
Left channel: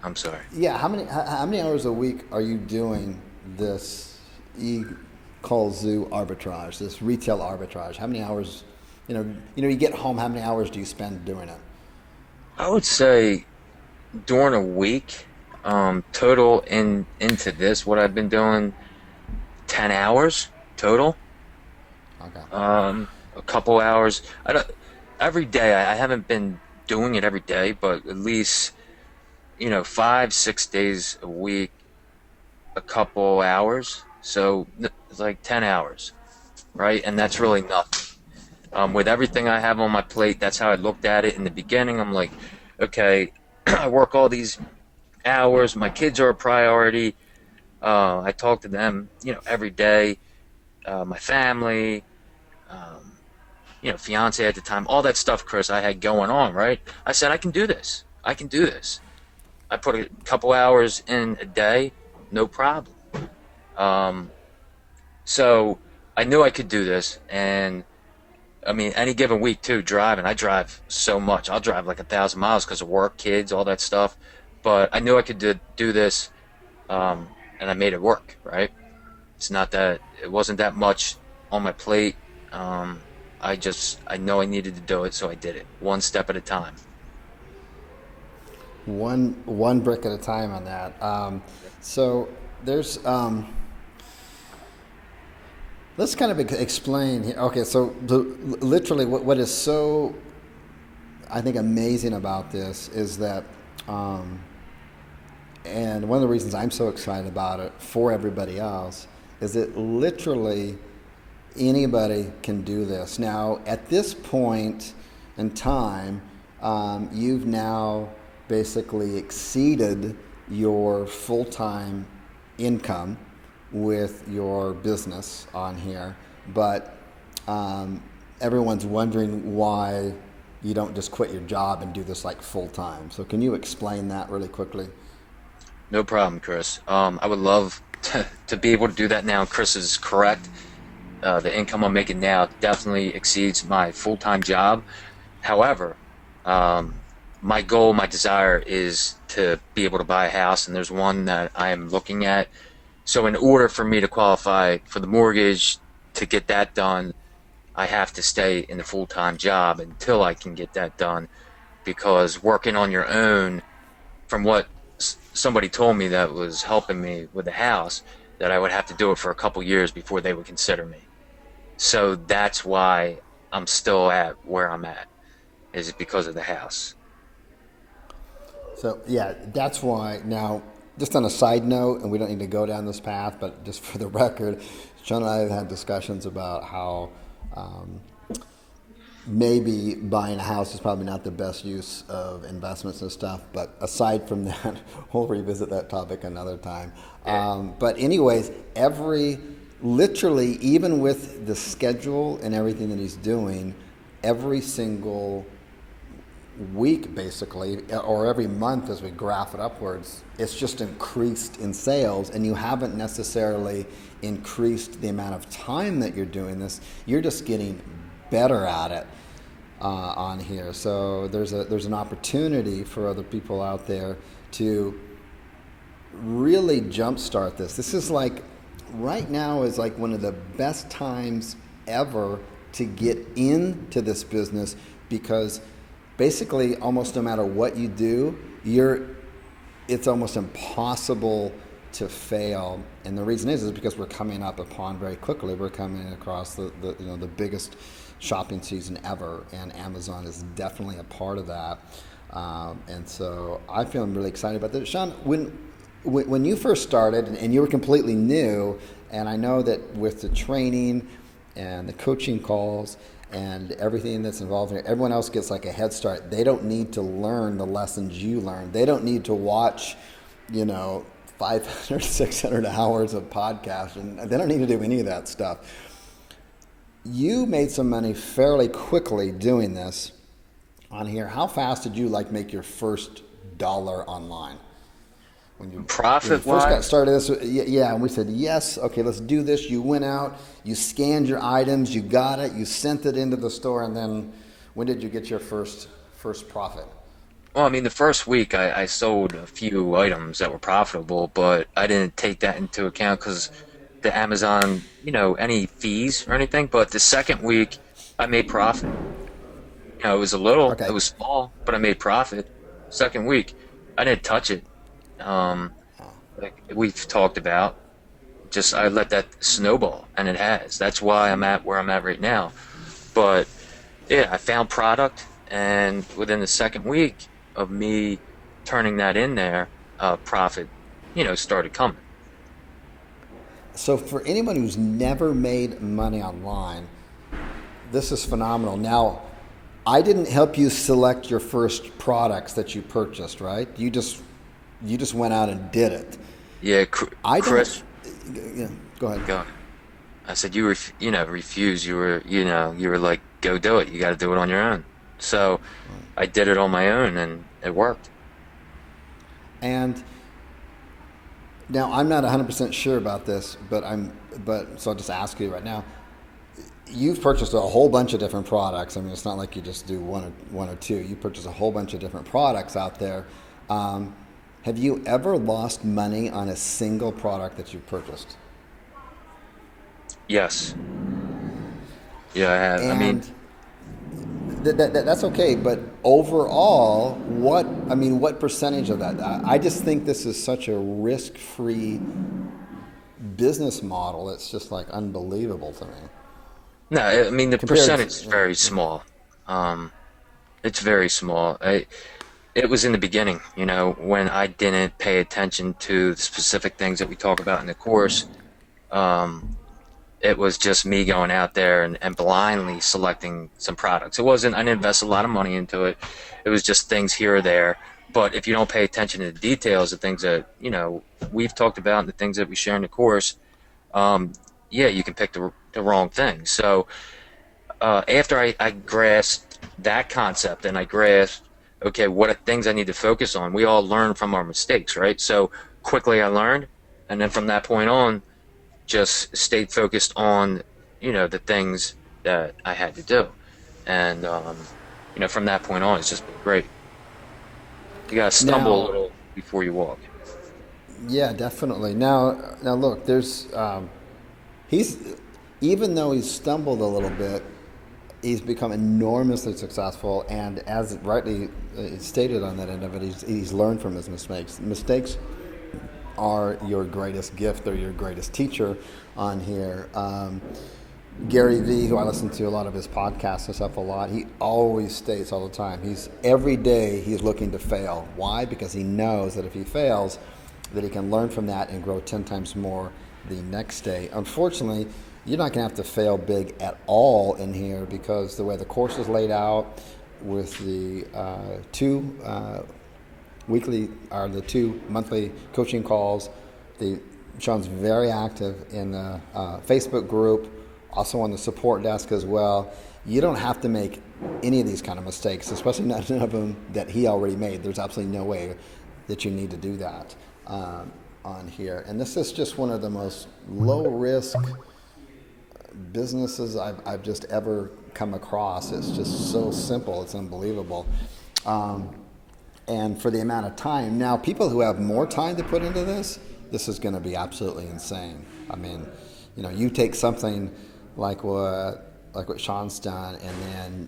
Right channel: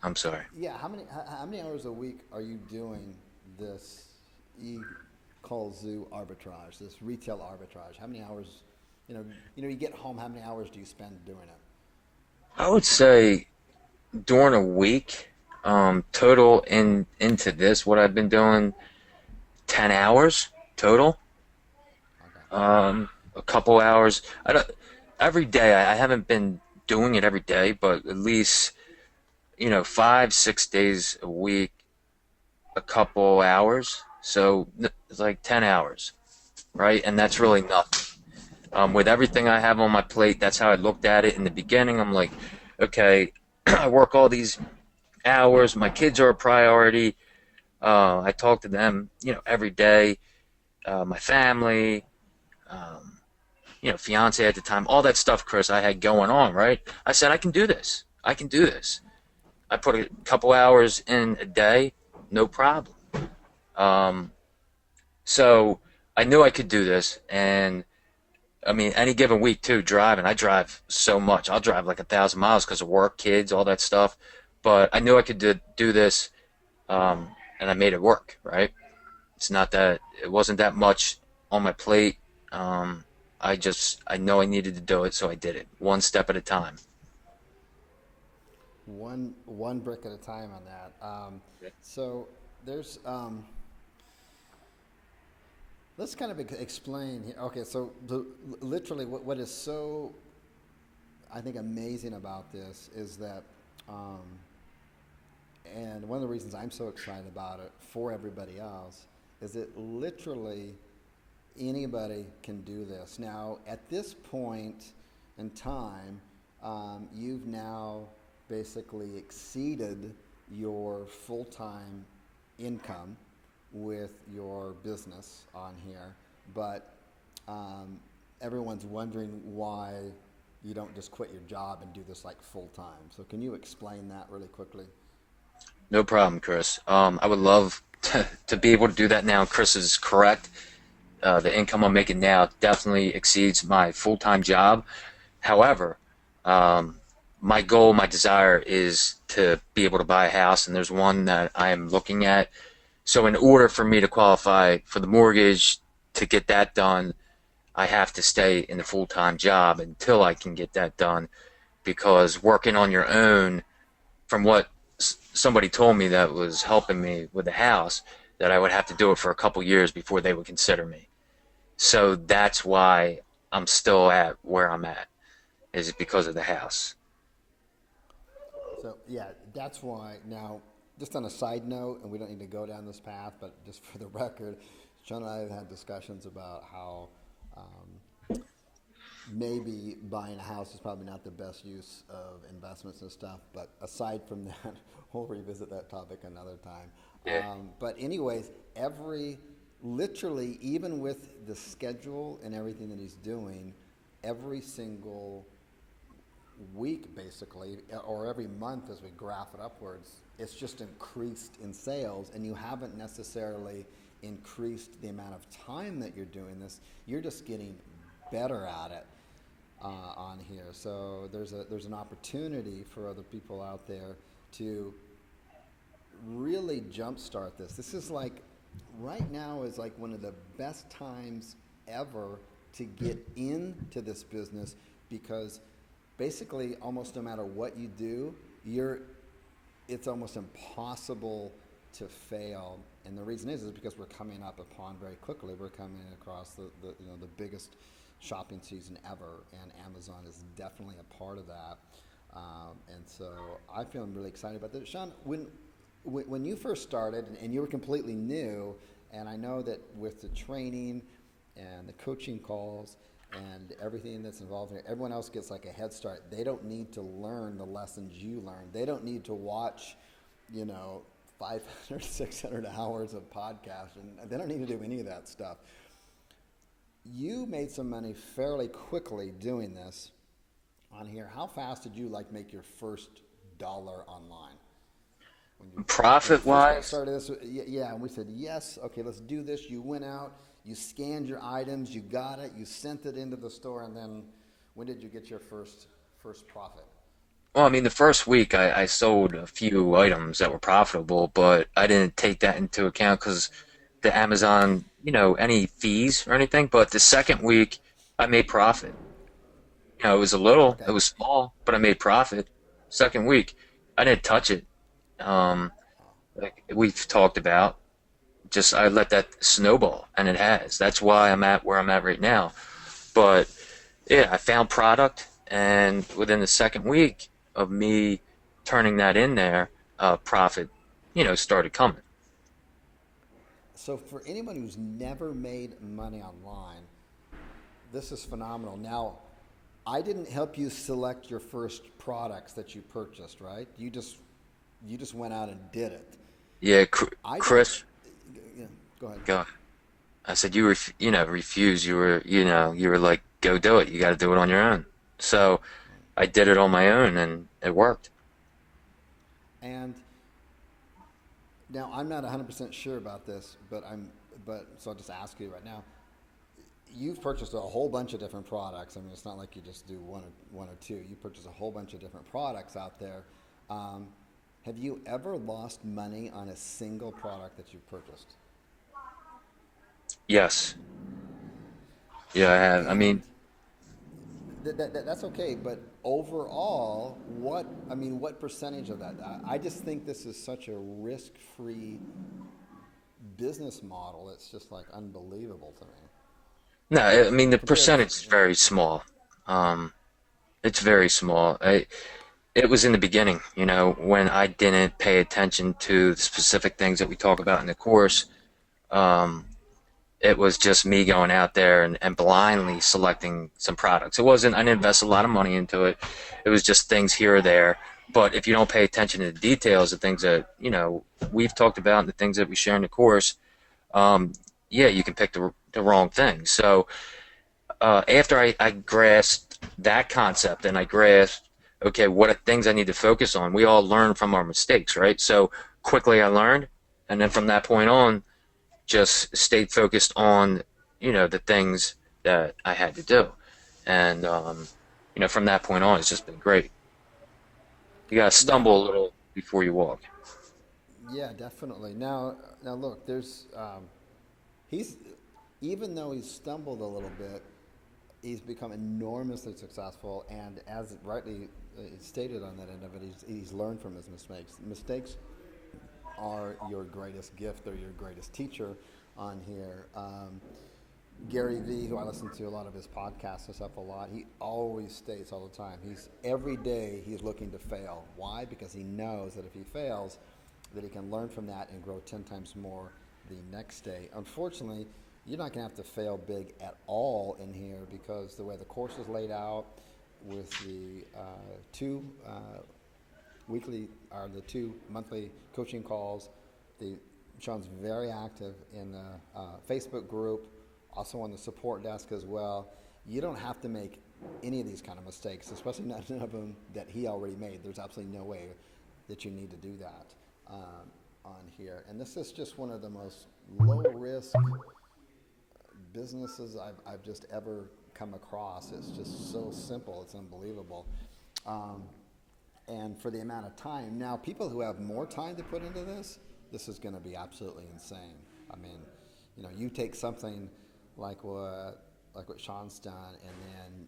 I'm sorry. Yeah, how many hours a week are you doing this ekallzu arbitrage, this retail arbitrage? How many hours? You get home. How many hours do you spend doing it? I would say during a week, total into this, what I've been doing, 10 hours total. Okay. A couple hours. Every day. I haven't been doing it every day, but at least 5-6 days a week, a couple hours. So it's like 10 hours, right? And that's really nothing. With everything I have on my plate, that's how I looked at it in the beginning. I'm like, okay, I work all these hours. My kids are a priority. I talk to them, every day. My family, fiance at the time, all that stuff, Chris, I had going on, right? I said, I can do this. I can do this. I put a couple hours in a day, no problem. So I knew I could do this, and I mean, any given week too, driving. I drive so much. I'll drive like 1,000 miles because of work, kids, all that stuff. But I knew I could do this, and I made it work, right? It wasn't that much on my plate. I know I needed to do it, so I did it one step at a time. one brick at a time on that. So there's let's kind of explain here. Okay, so literally, what is so I think amazing about this is that, and one of the reasons I'm so excited about it for everybody else is that literally anybody can do this. Now, at this point in time, you've now basically exceeded your full time income with your business on here, but everyone's wondering why you don't just quit your job and do this like full time. So, can you explain that really quickly? No problem, Chris. I would love to be able to do that now. Chris is correct. The income I'm making now definitely exceeds my full-time job. However, um, my goal, my desire is to be able to buy a house, and there's one that I am looking at. So, in order for me to qualify for the mortgage, to get that done, I have to stay in the full-time job until I can get that done. Because working on your own, from what somebody told me that was helping me with the house, that I would have to do it for a couple years before they would consider me. So that's why I'm still at where I'm at, is because of the house. So yeah, that's why. Now, just on a side note, and we don't need to go down this path, but just for the record, Sean and I have had discussions about how maybe buying a house is probably not the best use of investments and stuff. But aside from that, we'll revisit that topic another time. Yeah. But anyways, literally, even with the schedule and everything that he's doing, every single week basically, or every month as we graph it upwards, it's just increased in sales, and you haven't necessarily increased the amount of time that you're doing this. You're just getting better at it on here. So there's an opportunity for other people out there to really jumpstart this. This is like right now is like one of the best times ever to get into this business, because basically almost no matter what you do, it's almost impossible to fail. And the reason is because we're coming up upon very quickly. We're coming across the biggest shopping season ever, and Amazon is definitely a part of that. And so I feel I'm really excited about this. Sean, when you first started and you were completely new, and I know that with the training and the coaching calls and everything that's involved in it, everyone else gets like a head start. They don't need to learn the lessons you learned. They don't need to watch, 500, 600 hours of podcast, and they don't need to do any of that stuff. You made some money fairly quickly doing this on here. How fast did you like make your first dollar online? When you Profit first got wise, started this, yeah, and we said yes, okay, let's do this. You went out, you scanned your items, you got it, you sent it into the store, and then when did you get your first profit? well, I mean, the first week I sold a few items that were profitable, but I didn't take that into account because the Amazon, any fees or anything. But the second week, I made profit. It was a little, it Okay, was small, but I made profit. Second week, I didn't touch it. Um, like we've talked about, just I let that snowball, and it has. That's why I'm at where I'm at right now. But yeah, I found product, and within the second week of me turning that in there, profit, started coming. so for anyone who's never made money online, this is phenomenal. Now, I didn't help you select your first products that you purchased, right? You just went out and did it. Yeah, I didn't. Chris, Yeah, go ahead. go. I said refuse. You were like, go do it. You got to do it on your own. So I did it on my own, and it worked. And now I'm not 100% sure about this, but so I'll just ask you right now. You've purchased a whole bunch of different products. I mean, it's not like you just do one or two. You purchase a whole bunch of different products out there. Um, have you ever lost money on a single product that you've purchased? Yes. Yeah, I have. I mean, And That's okay, but overall, what percentage of that? I just think this is such a risk-free business model. It's just like unbelievable to me. No, I mean the Compared to, percentage is very small. Um, it's very small. It was in the beginning, when I didn't pay attention to the specific things that we talk about in the course. Um, it was just me going out there and blindly selecting some products. I didn't invest a lot of money into it. It was just things here or there. But if you don't pay attention to the details, the things that, we've talked about and the things that we share in the course, um, yeah, you can pick the wrong thing. So after I grasped that concept and I grasped, okay, what are things I need to focus on? We all learn from our mistakes, right? So quickly I learned. And then from that point on, just stayed focused on, the things that I had to do. And, from that point on, it's just been great. You got to stumble a now, little before you walk. yeah, definitely. Now look, he's even though he's stumbled a little bit, he's become enormously successful, and as rightly stated on that end of it, he's learned from his mistakes. Mistakes are your greatest gift. They're your greatest teacher on here. Gary Vee, who I listen to a lot of his podcasts and stuff a lot, he always states all the time, every day he's looking to fail. Why? Because he knows that if he fails, that he can learn from that and grow 10 times more the next day. Unfortunately, you're not going to have to fail big at all in here because the way the course is laid out with the two weekly or the two monthly coaching calls. Sean's very active in the Facebook group, also on the support desk as well. You don't have to make any of these kind of mistakes, especially none of them that he already made. There's absolutely no way that you need to do that on here. And this is just one of the most low risk businesses I've just ever come across. It's just so simple. It's unbelievable. And for the amount of time. Now, people who have more time to put into this is going to be absolutely insane. I mean, you take something like what Sean's done, and then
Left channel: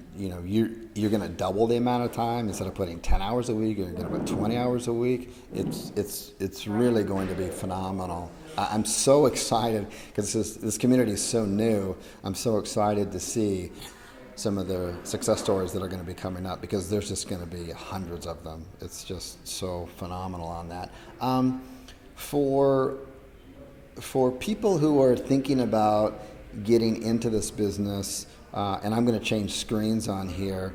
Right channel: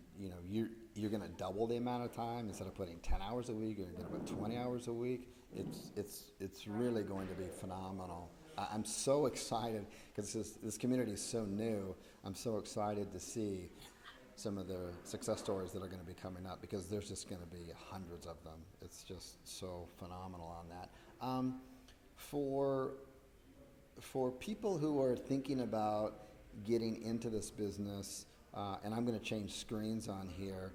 you're going to double the amount of time instead of putting 10 hours a week. You're going to put 20 hours a week. It's really going to be phenomenal. I'm so excited because this community is so new. I'm so excited to see some of the success stories that are going to be coming up because there's just going to be hundreds of them. It's just so phenomenal on that. For people who are thinking about getting into this business, and I'm going to change screens on here,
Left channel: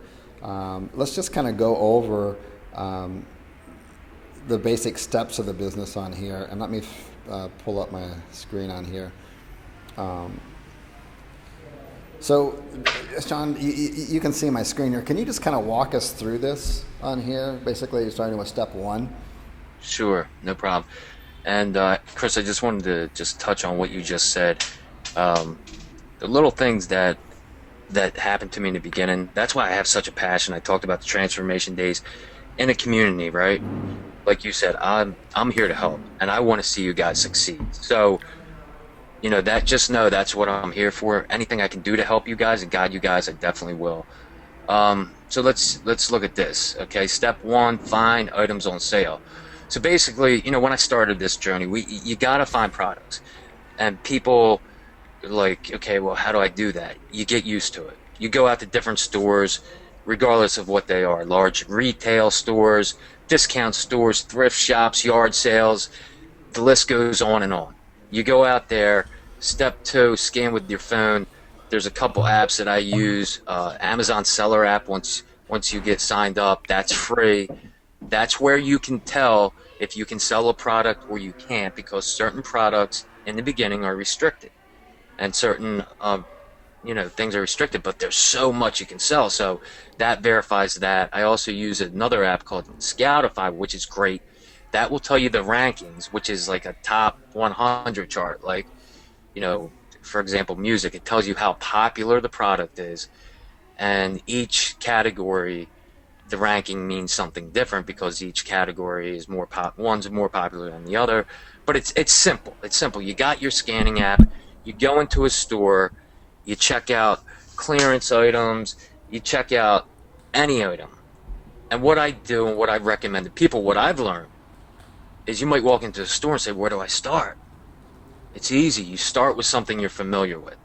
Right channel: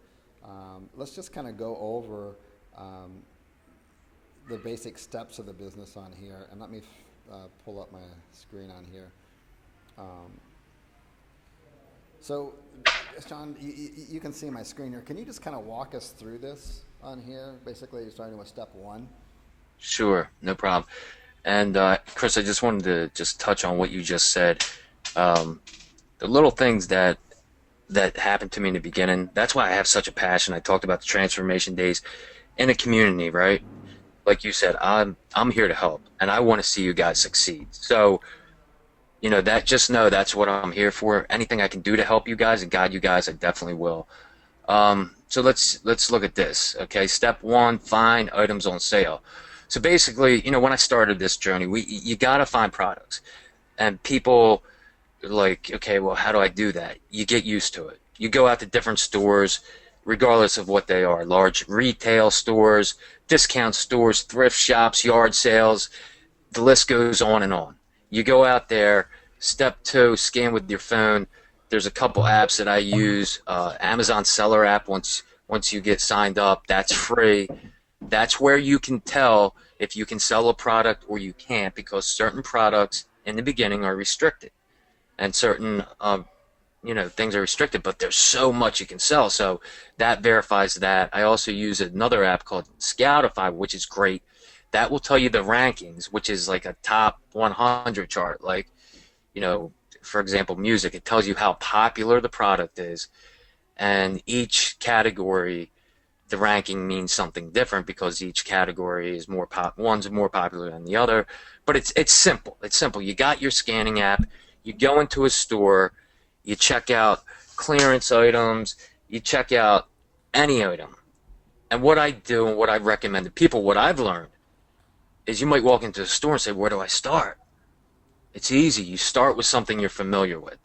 let's just kind of go over the basic steps of the business on here. And let me pull up my screen on here. So, John, you can see my screen here. Can you just kind of walk us through this on here? Basically, starting with step one. Sure, no problem. And Chris, I just wanted to just touch on what you just said. The little things that happened to me in the beginning. That's why I have such a passion. I talked about the transformation days in a community, right? Like you said, I'm here to help, and I want to see you guys succeed. So, just know that's what I'm here for. Anything I can do to help you guys and guide you guys, I definitely will. So let's look at this. Okay, step one: find items on sale. So basically, when I started this journey, you gotta find products, and people are like, okay, well, how do I do that? You get used to it. You go out to different stores, regardless of what they are: large retail stores, discount stores, thrift shops, yard sales. The list goes on and on. You go out there. Step two: scan with your phone. There's a couple apps that I use. Amazon Seller app. Once you get signed up, that's free. That's where you can tell if you can sell a product or you can't, because certain products in the beginning are restricted, and certain things are restricted. But there's so much you can sell, so that verifies that. I also use another app called Scoutify, which is great. That will tell you the rankings, which is like a top 100 chart. Like, for example, music. It tells you how popular the product is, and each category, the ranking means something different because each category is one's more popular than the other. But it's simple. It's simple. You got your scanning app. You go into a store. You check out clearance items. you check out any item. And what I do and what I recommend to people, what I've learned is you might walk into the store and say, where do I start? It's easy. You start with something you're familiar with.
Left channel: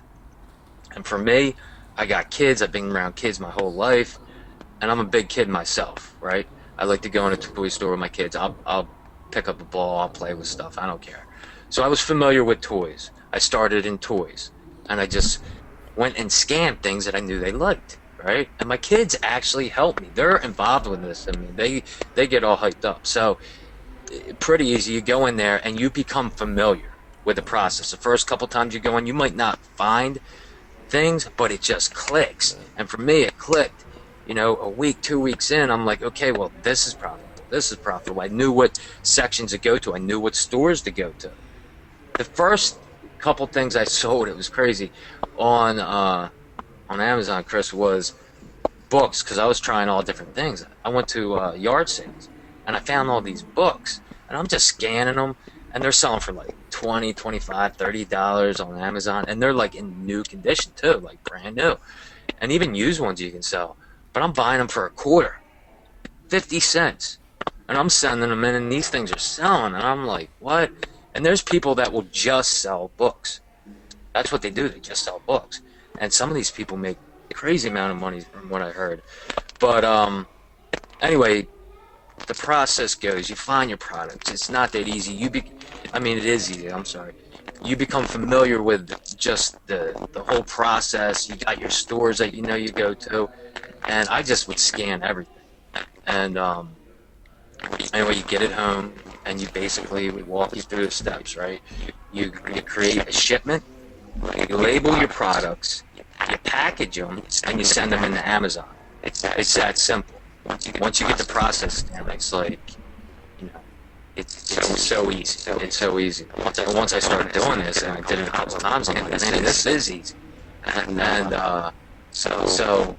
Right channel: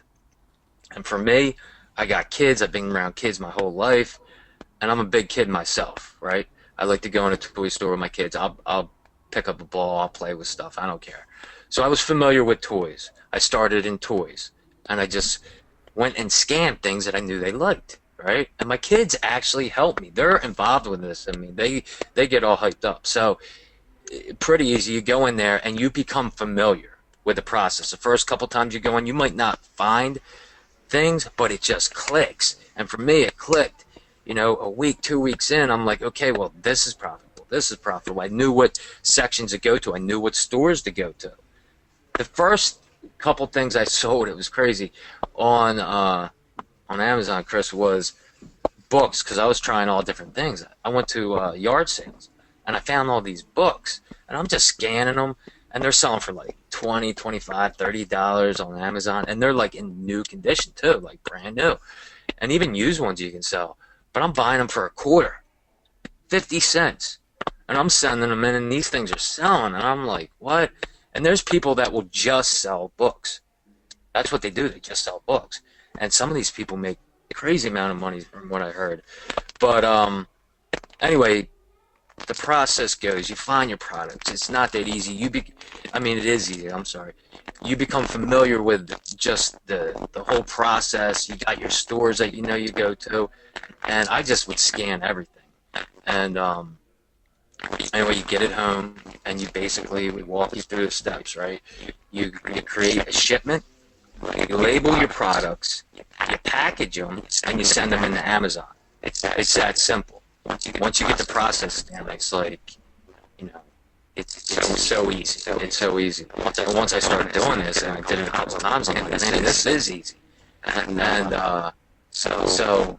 And for me, I got kids. I've been around kids my whole life, and I'm a big kid myself, right? I like to go in a toy store with my kids. I'll pick up a ball. I'll play with stuff. I don't care. So I was familiar with toys. I started in toys, and I just went and scanned things that I knew they liked, right? And my kids actually help me. They're involved with this. I mean, they get all hyped up. So pretty easy. You go in there and you become familiar with the process. The first couple times you go in, you might not find things, but it just clicks. And for me, it clicked. You know, a week, 2 weeks in, I'm like, okay, well, this is profitable. This is profitable. I knew what sections to go to. I knew what stores to go to. The first couple things I sold, it was crazy, on Amazon, Chris, was books because I was trying all different things. I went to yard sales and I found all these books and I'm just scanning them and they're selling for like 20, 25, $30 on Amazon and they're like in new condition too, like brand new. And even used ones you can sell. But I'm buying them for a quarter, 50 cents. And I'm sending them in and these things are selling and I'm like, what? And there's people that will just sell books. That's what they do. They just sell books. And some of these people make a crazy amount of money from what I heard. But anyway, the process goes, you find your products. It's not that easy. I mean, it is easy. I'm sorry. You become familiar with just the whole process. You got your stores that you know you go to. And I just would scan everything. And anyway, you get it home and you basically, we walk you through the steps, right? You create a shipment. You label your products, you package them, and you send them into Amazon. It's that simple. Once you get the process down, it's like, you know, it's so easy. It's so easy. Once I started doing this, and I did it a couple of times, I'm like, man, this is easy. And so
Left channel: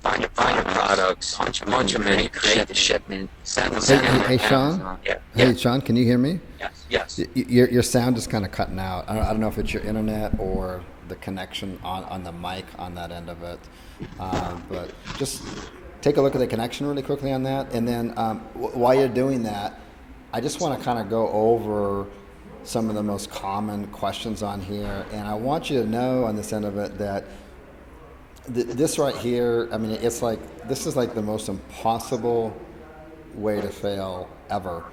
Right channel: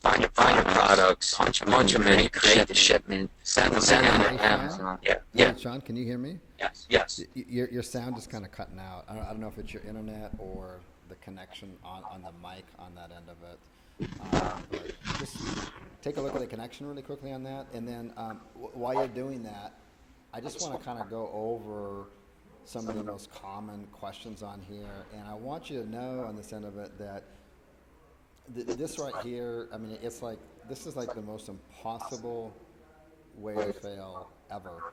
find your products, punch them in, you create the shipment, send them Hey, to Sean? Amazon. Yeah, Hey, yeah, Sean, can you hear me? yes. Your sound is kind of cutting out. I don't know if it's your internet or the connection on the mic on that end of it. But just take a look at the connection really quickly on that. And then while you're doing that, I just want to kind of go over some of the most common questions on here. And I want you to know on this end of it that this right here, I mean, it's like, this is like the most impossible way to fail ever.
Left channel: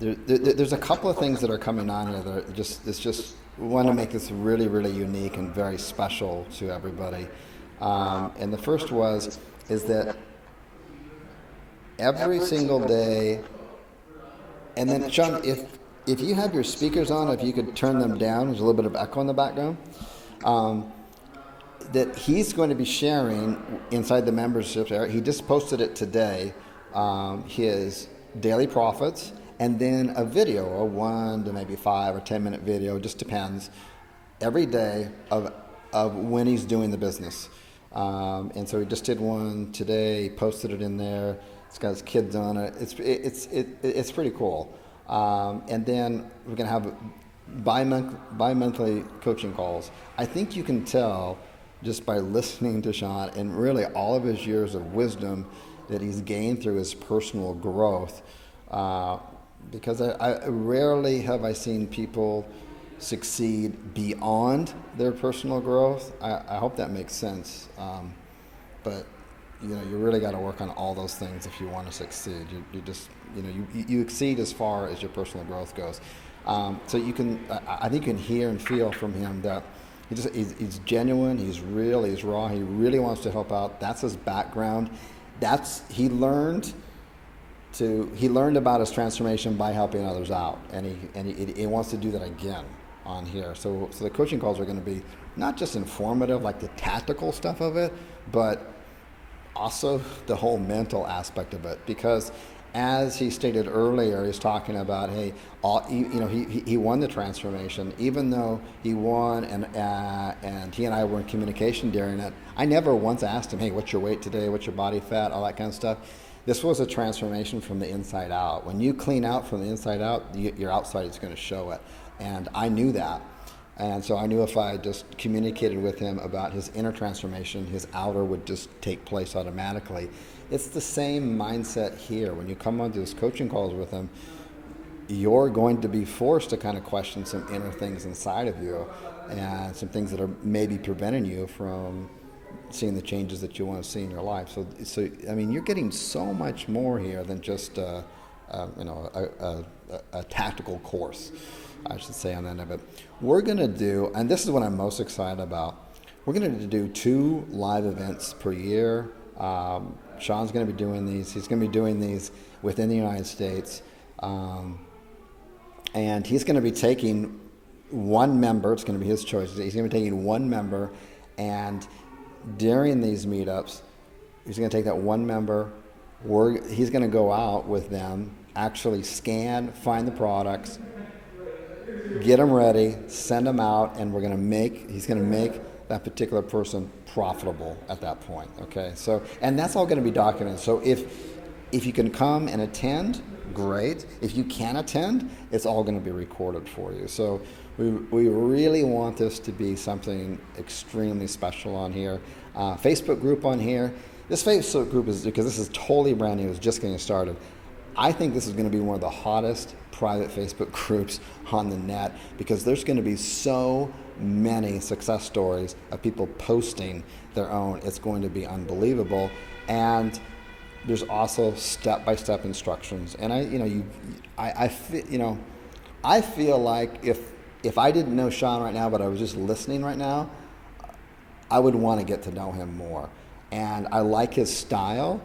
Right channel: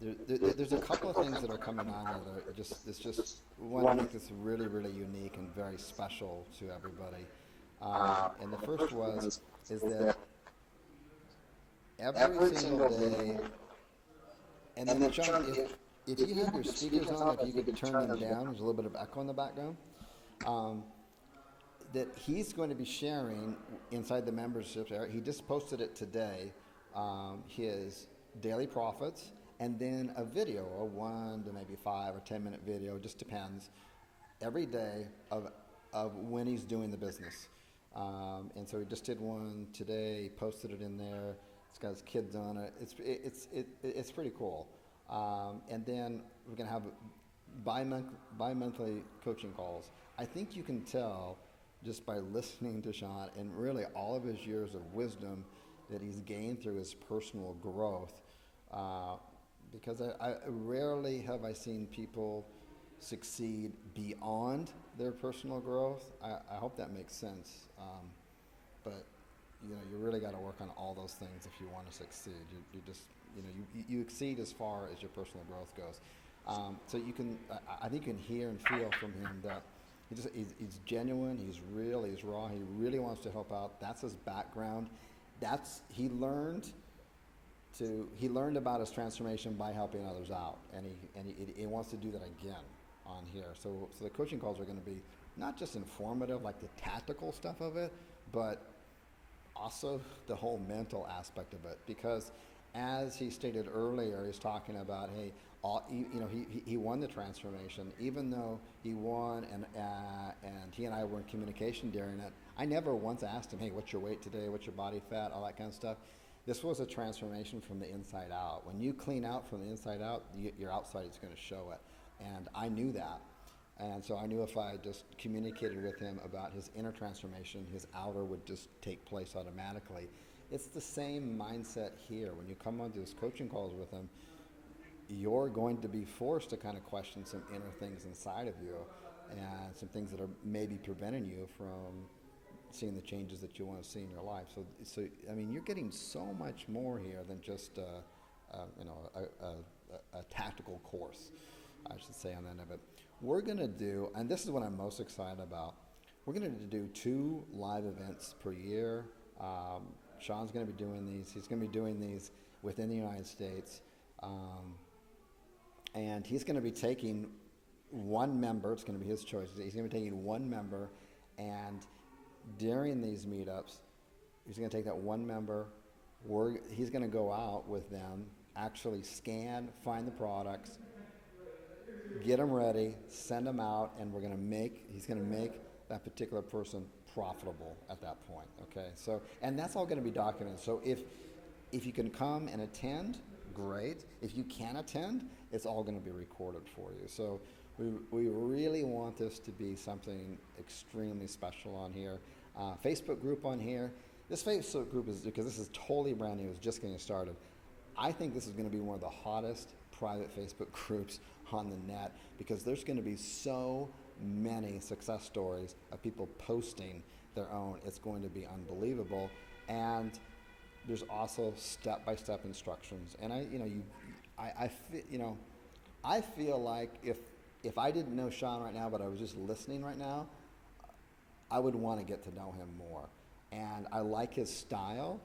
There's a couple of things that are coming on here that are it's just we want to make this really, really unique and very special to everybody. And the first is that every single day, and then Sean, if you have your speakers on, if you could turn them down, there's a little bit of echo in the background. That he's going to be sharing inside the membership area. He just posted it today, his daily profits, and then a video, a 1 to maybe 5 or 10 minute video, just depends, every day of when he's doing the business. And so he just did one today. He posted it in there. It's got his kids on it. It's pretty cool. And then we're gonna have bi-monthly coaching calls. I think you can tell just by listening to Sean and really all of his years of wisdom that he's gained through his personal growth. Because I rarely have I seen people succeed beyond their personal growth. I hope that makes sense. But you know, you really got to work on all those things if you want to succeed. You just, you know, you exceed as far as your personal growth goes. So you can, I think you can hear and feel from him that he's genuine, he's real, he's raw, he really wants to help out. That's his background. He learned about his transformation by helping others out, and he wants to do that again on here. So the coaching calls are going to be not just informative, like the tactical stuff of it, but also the whole mental aspect of it. Because as he stated earlier, he's talking about, hey, he won the transformation, even though he won, and he and I were in communication during it. I never once asked him, hey, what's your weight today? What's your body fat? All that kind of stuff. This was a transformation from the inside out. When you clean out from the inside out, your outside is going to show it. And I knew that. And so I knew if I just communicated with him about his inner transformation, his outer would just take place automatically. It's the same mindset here. When you come onto these coaching calls with him, you're going to be forced to kind of question some inner things inside of you and some things that are maybe preventing you from seeing the changes that you want to see in your life. So I mean, you're getting so much more here than just a tactical course, I should say, on the end of it. We're going to do, and this is what I'm most excited about, we're going to do 2 live events per year. Sean's going to be doing these. He's going to be doing these within the United States. And he's going to be taking one member. It's going to be his choice. He's going to be taking one member, and during these meetups, he's going to take that one member. He's going to go out with them, actually scan, find the products, get them ready, send them out, and he's going to make that particular person profitable at that point. Okay, so, and that's all going to be documented. So if you can come and attend, great. If you can't attend, it's all going to be recorded for you. So we really want this to be something extremely special on here. Facebook group on here. This Facebook group is, because this is totally brand new, it's just getting started. I think this is going to be one of the hottest private Facebook groups on the net, because there's going to be so many success stories of people posting their own. It's going to be unbelievable. And there's also step-by-step instructions. And I feel like if I didn't know Sean right now, but I was just listening right now, I would want to get to know him more. And I like his style,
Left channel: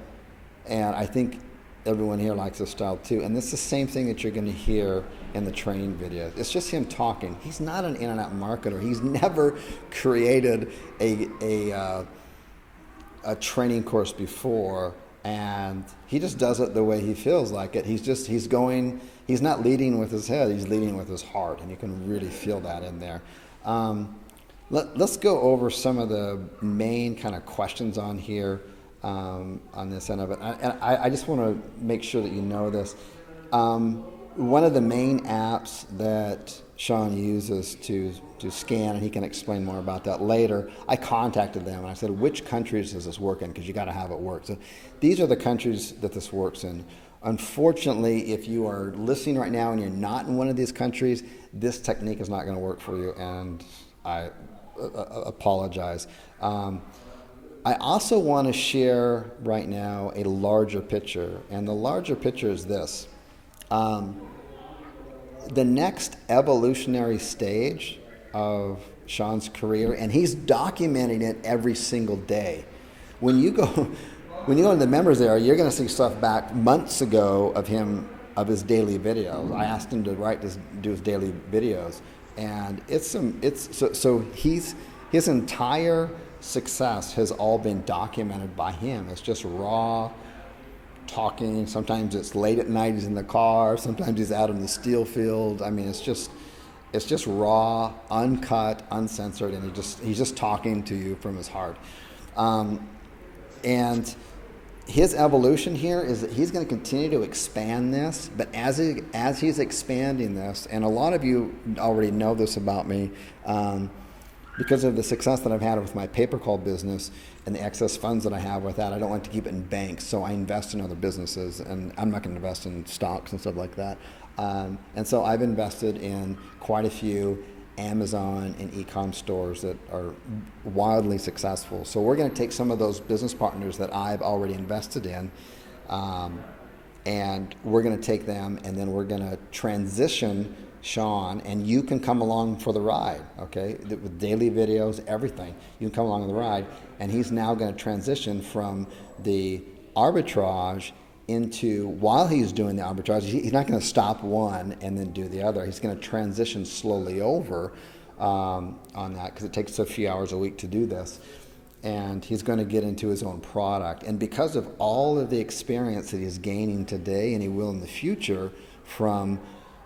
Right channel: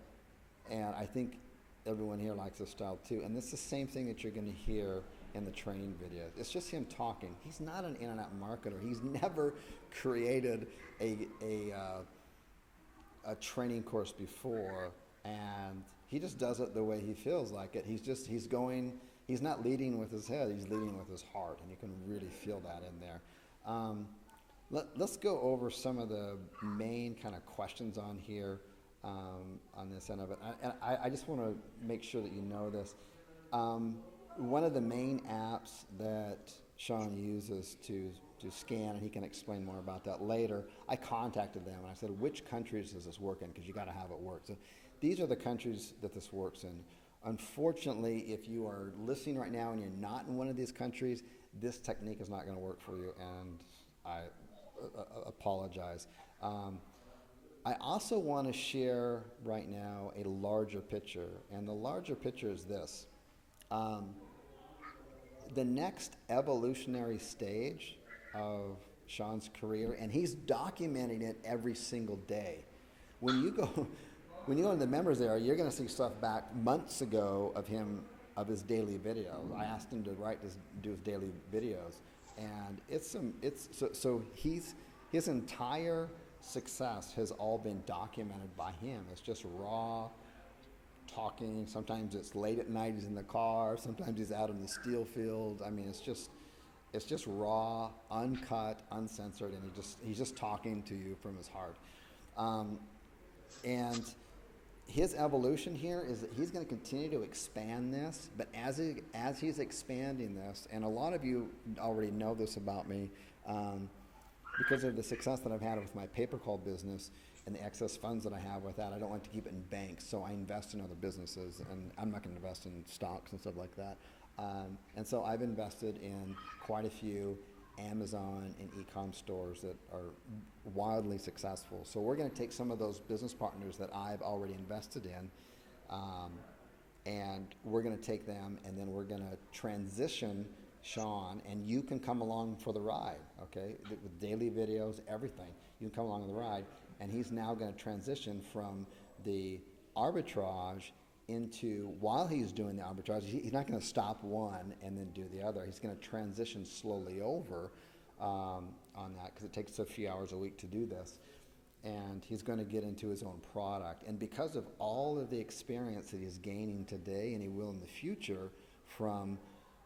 and I think everyone here likes his style too. And it's the same thing that you're going to hear in the training videos. It's just him talking. He's not an internet marketer. He's never created a training course before, and he just does it the way he feels like it. He's not leading with his head, he's leading with his heart, and you can really feel that in there. Let's go over some of the main kind of questions on here, on this end of it. And I just want to make sure that you know this. One of the main apps that Sean uses to scan, and he can explain more about that later, I contacted them and I said, which countries does this work in? Because you got to have it work. So these are the countries that this works in. Unfortunately, if you are listening right now and you're not in one of these countries, this technique is not going to work for you, and I apologize. I also want to share right now a larger picture, and the larger picture is this. The next evolutionary stage of Sean's career, and he's documenting it every single day. When you go to the members area, you're going to see stuff back months ago of his daily videos. I asked him to do his daily videos, and his entire success has all been documented by him. It's just raw talking. Sometimes it's late at night, he's in the car. Sometimes he's out in the steel field. I mean, it's just raw, uncut, uncensored, and he's just talking to you from his heart. And his evolution here is that he's going to continue to expand this, but as he's expanding this, and a lot of you already know this about me, because of the success that I've had with my pay-per-call business and the excess funds that I have with that, I don't like to keep it in banks, so I invest in other businesses, and I'm not going to invest in stocks and stuff like that. And so I've invested in quite a few Amazon and e-com stores that are wildly successful. So we're going to take some of those business partners that I've already invested in, and we're going to take them, and then we're going to transition Sean, and you can come along for the ride, okay? With daily videos, everything. You can come along for the ride, and he's now going to transition from the arbitrage into, while he's doing the arbitrage, he's not going to stop one and then do the other. He's going to transition slowly over on that, because it takes a few hours a week to do this. And he's going to get into his own product. And because of all of the experience that he's gaining today, and he will in the future, from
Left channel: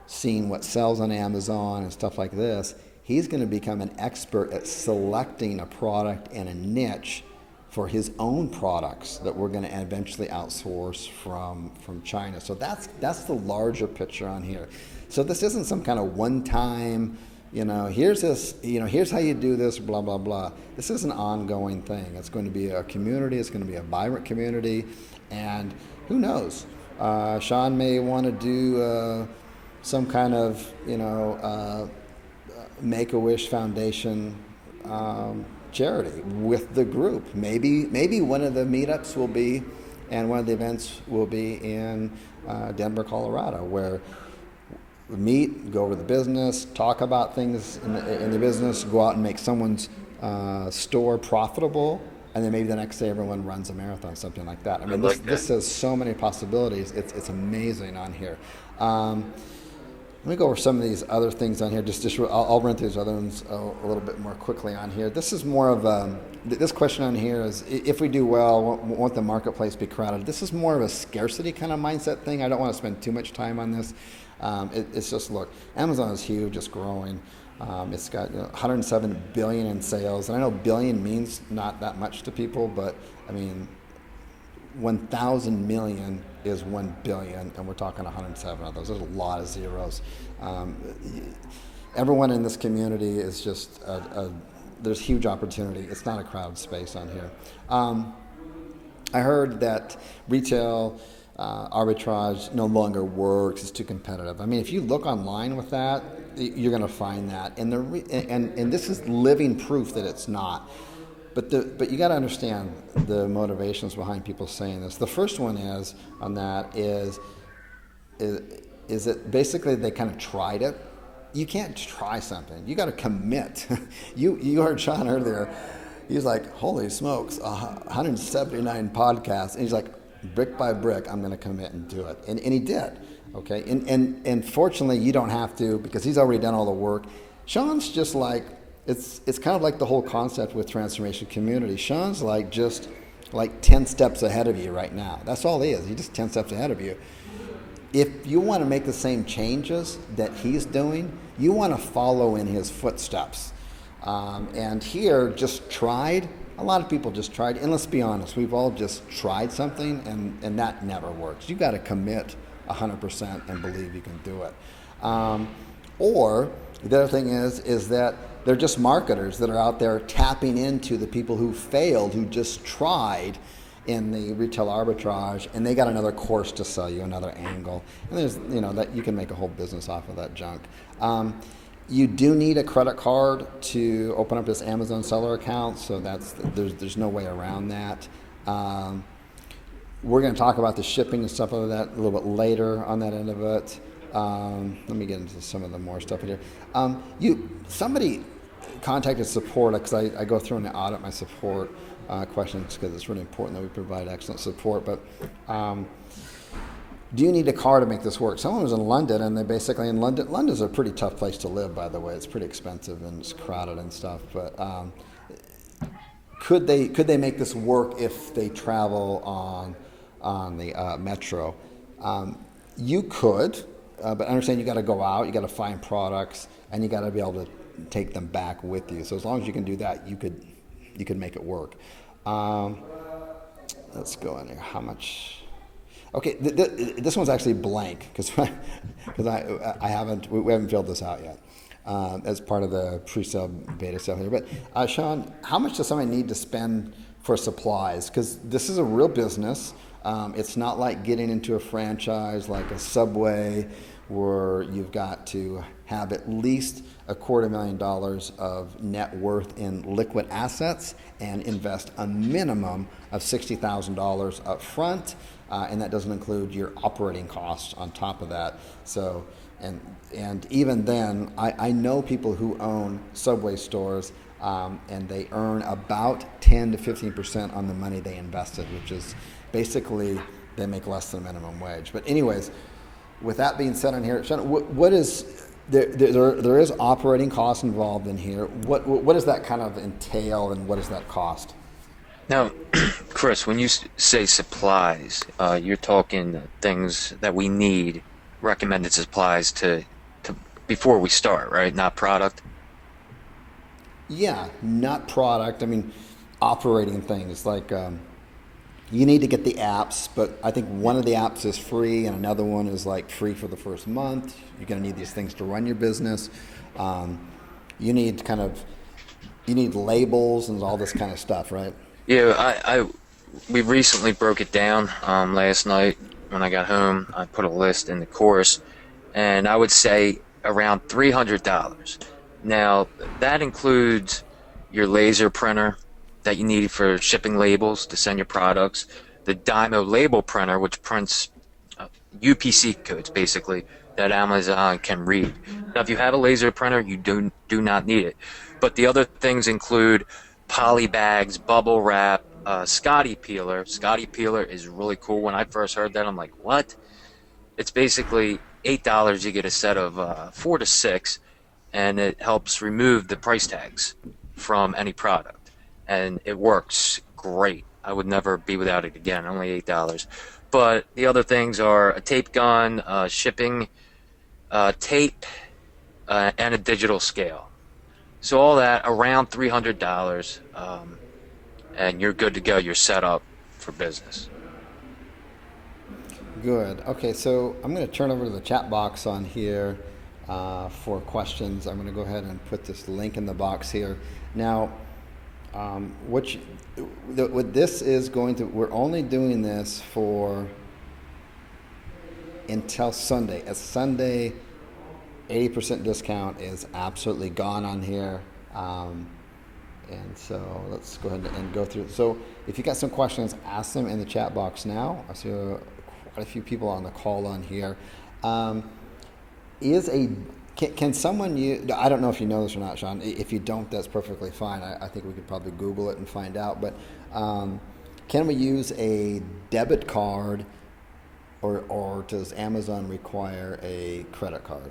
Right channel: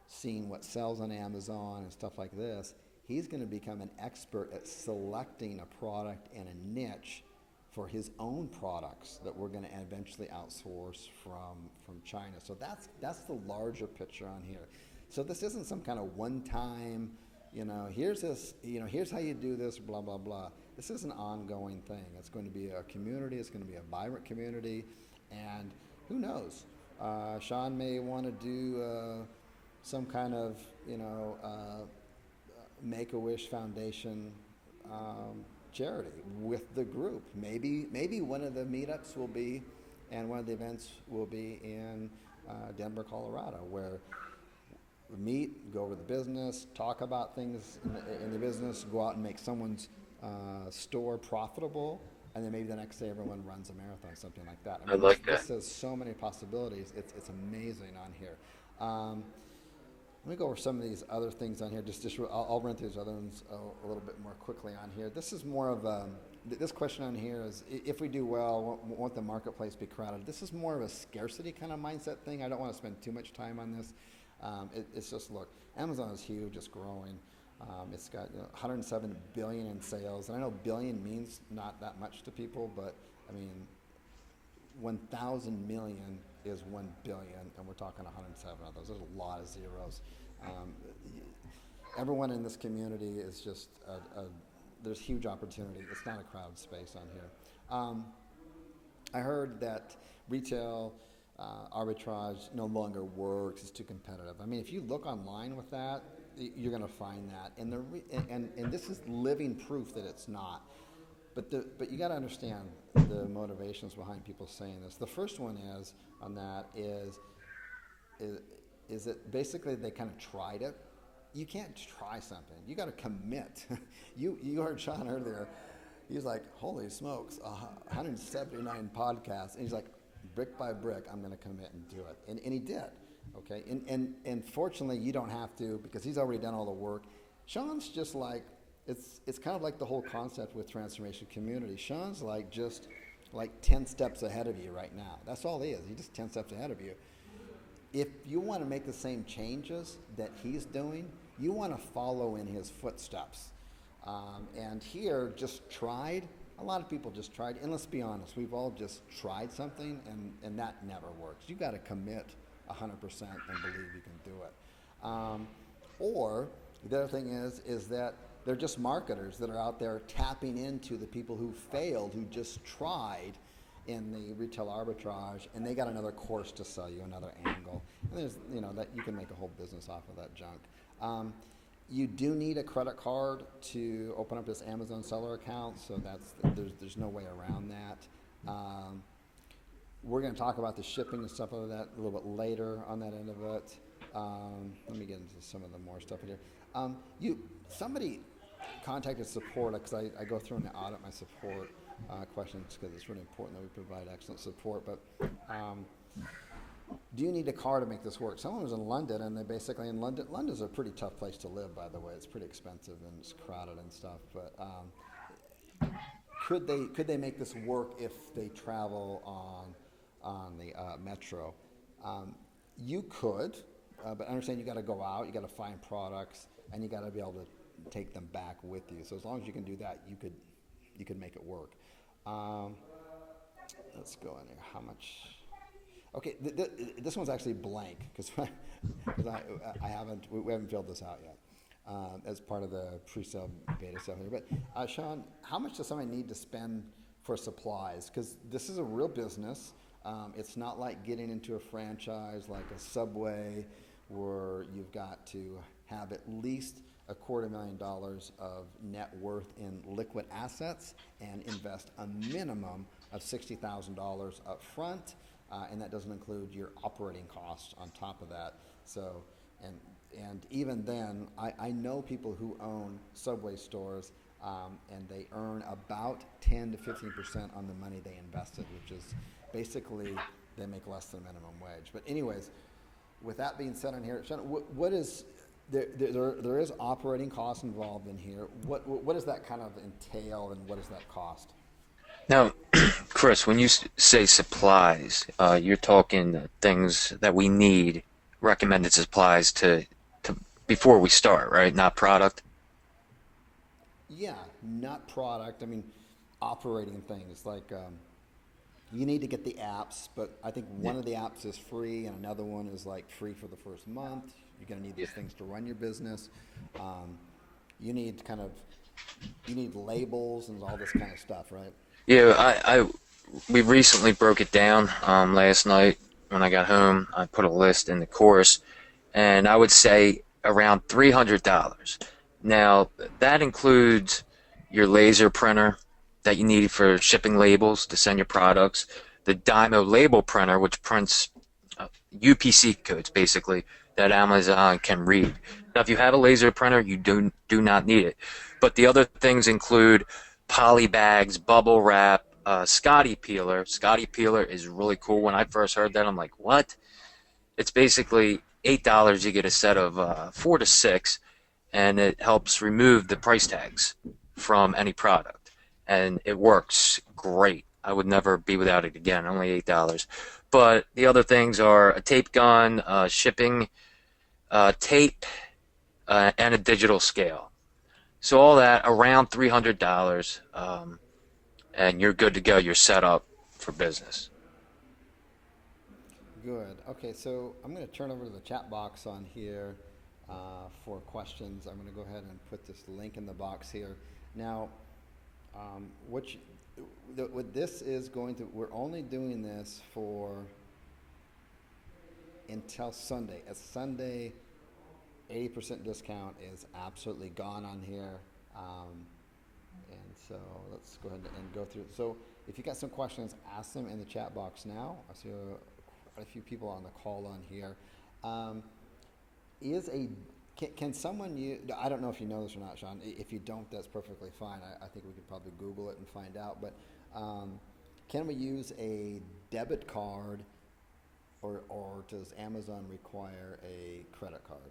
seeing what sells on Amazon and stuff like this, he's going to become an expert at selecting a product and a niche for his own products that we're going to eventually outsource from China. So that's the larger picture on here. So this isn't some kind of one-time here's this, here's how you do this, blah, blah, blah. This is an ongoing thing. It's going to be a community. It's going to be a vibrant community. And who knows? Sean may want to do some kind of, Make-A-Wish Foundation charity with the group. Maybe one of the meetups will be, and one of the events will be in Denver, Colorado, where we meet, go over the business, talk about things in the business, go out and make someone's store profitable, and then maybe the next day everyone runs a marathon, something like that. I I mean, like that. this has so many possibilities. It's amazing on here. Let me go over some of these other things on here. I'll run through these other ones a little bit more quickly on here. This is more of this question on here is, if we do well, won't the marketplace be crowded? This is more of a scarcity kind of mindset thing. I don't want to spend too much time on this. It's just, look, Amazon is huge, it's growing. It's got 107 billion in sales, and I know billion means not that much to people, but I mean, 1,000 million is 1 billion, and we're talking 107 of those. There's a lot of zeros. Everyone in this community is just there's huge opportunity. It's not a crowded space on here. I heard that retail arbitrage no longer works. It's too competitive. I mean, if you look online with that, you're going to find that, and this is living proof that it's not. But you got to understand the motivations behind people saying this. The first one is that basically they kind of tried it. You can't try something. You got to commit. You heard Sean earlier. He's like, holy smokes, 179 podcasts, and he's like, brick by brick, I'm going to commit and do it, and he did. Okay, and fortunately, you don't have to, because he's already done all the work. Sean's just like, it's kind of like the whole concept with Transformation Community. Sean's just 10 steps ahead of you right now. That's all he is. He's just 10 steps ahead of you. If you want to make the same changes that he's doing, you want to follow in his footsteps. And here, just tried. A lot of people just tried, and let's be honest, we've all just tried something, and that never works. You got to commit 100% and believe you can do it. Or the other thing is that they're just marketers that are out there tapping into the people who failed, who just tried in the retail arbitrage, and they got another course to sell you, another angle. And there's, that you can make a whole business off of that junk. You do need a credit card to open up this Amazon seller account, so there's no way around that. We're going to talk about the shipping and stuff like that a little bit later on that end of it. Let me get into some of the more stuff in here. Somebody contacted support, because I go through and audit my support questions, because it's really important that we provide excellent support. But do you need a car to make this work? Someone was in London, and they basically in London. London's a pretty tough place to live, by the way. It's pretty expensive and it's crowded and stuff. But could they make this work if they travel on the metro? You could, but understand you got to go out, you got to find products, and you got to be able to take them back with you. So as long as you can do that, you could make it work. Let's go in here. How much? Okay, this one's actually blank because we haven't filled this out yet as part of the pre-sale beta stuff here. But Sean, how much does somebody need to spend for supplies? Because this is a real business. It's not like getting into a franchise like a Subway, where you've got to have at least $250,000 of net worth in liquid assets and invest a minimum of $60,000 up front, and that doesn't include your operating costs on top of that. So, and even then, I know people who own Subway stores, and they earn about 10 to 15% on the money they invested, which is basically they make less than minimum wage. But anyways, with that being said on here, Sean, what is there is operating costs involved in here. What does that kind of entail, and what does that cost? Now, Chris, when you say supplies, you're talking things that we need, recommended supplies to before we start, right? Not product. Yeah, not product. I mean, operating things like you need to get the apps, but I think one of the apps is free and another one is like free for the first month. You're going to need these things to run your business. You need kind of you need labels and all this kind of stuff, right? Yeah, we recently broke it down last night when I got home. I put a list in the course, and I would say around $300. Now, that includes your laser printer that you need for shipping labels to send your products, the Dymo label printer, which prints UPC codes basically that Amazon can read. Now, if you have a laser printer, you do not need it. But the other things include poly bags, bubble wrap, Scotty peeler. Scotty peeler is really cool. When I first heard that, I'm like, what? It's basically $8. You get a set of 4 to 6, and it helps remove the price tags from any product, and it works great. I would never be without it again. Only $8. But the other things are a tape gun, shipping tape, and a digital scale. So all that around $300, and you're good to go. You're set up for business. Good. Okay, so I'm going to turn over to the chat box on here for questions. I'm going to go ahead and put this link in the box here. Now, what, you, what this is going to, we're only doing this for until Sunday. As Sunday, 80% discount is absolutely gone on here. And so let's go ahead and go through. So if you got some questions, ask them in the chat box now. I see quite a few people on the call on here. Is a can someone use? I don't know if you know this or not, Sean. If you don't, that's perfectly fine. I think we could probably Google it and find out. But can we use a debit card, or does Amazon require a credit card?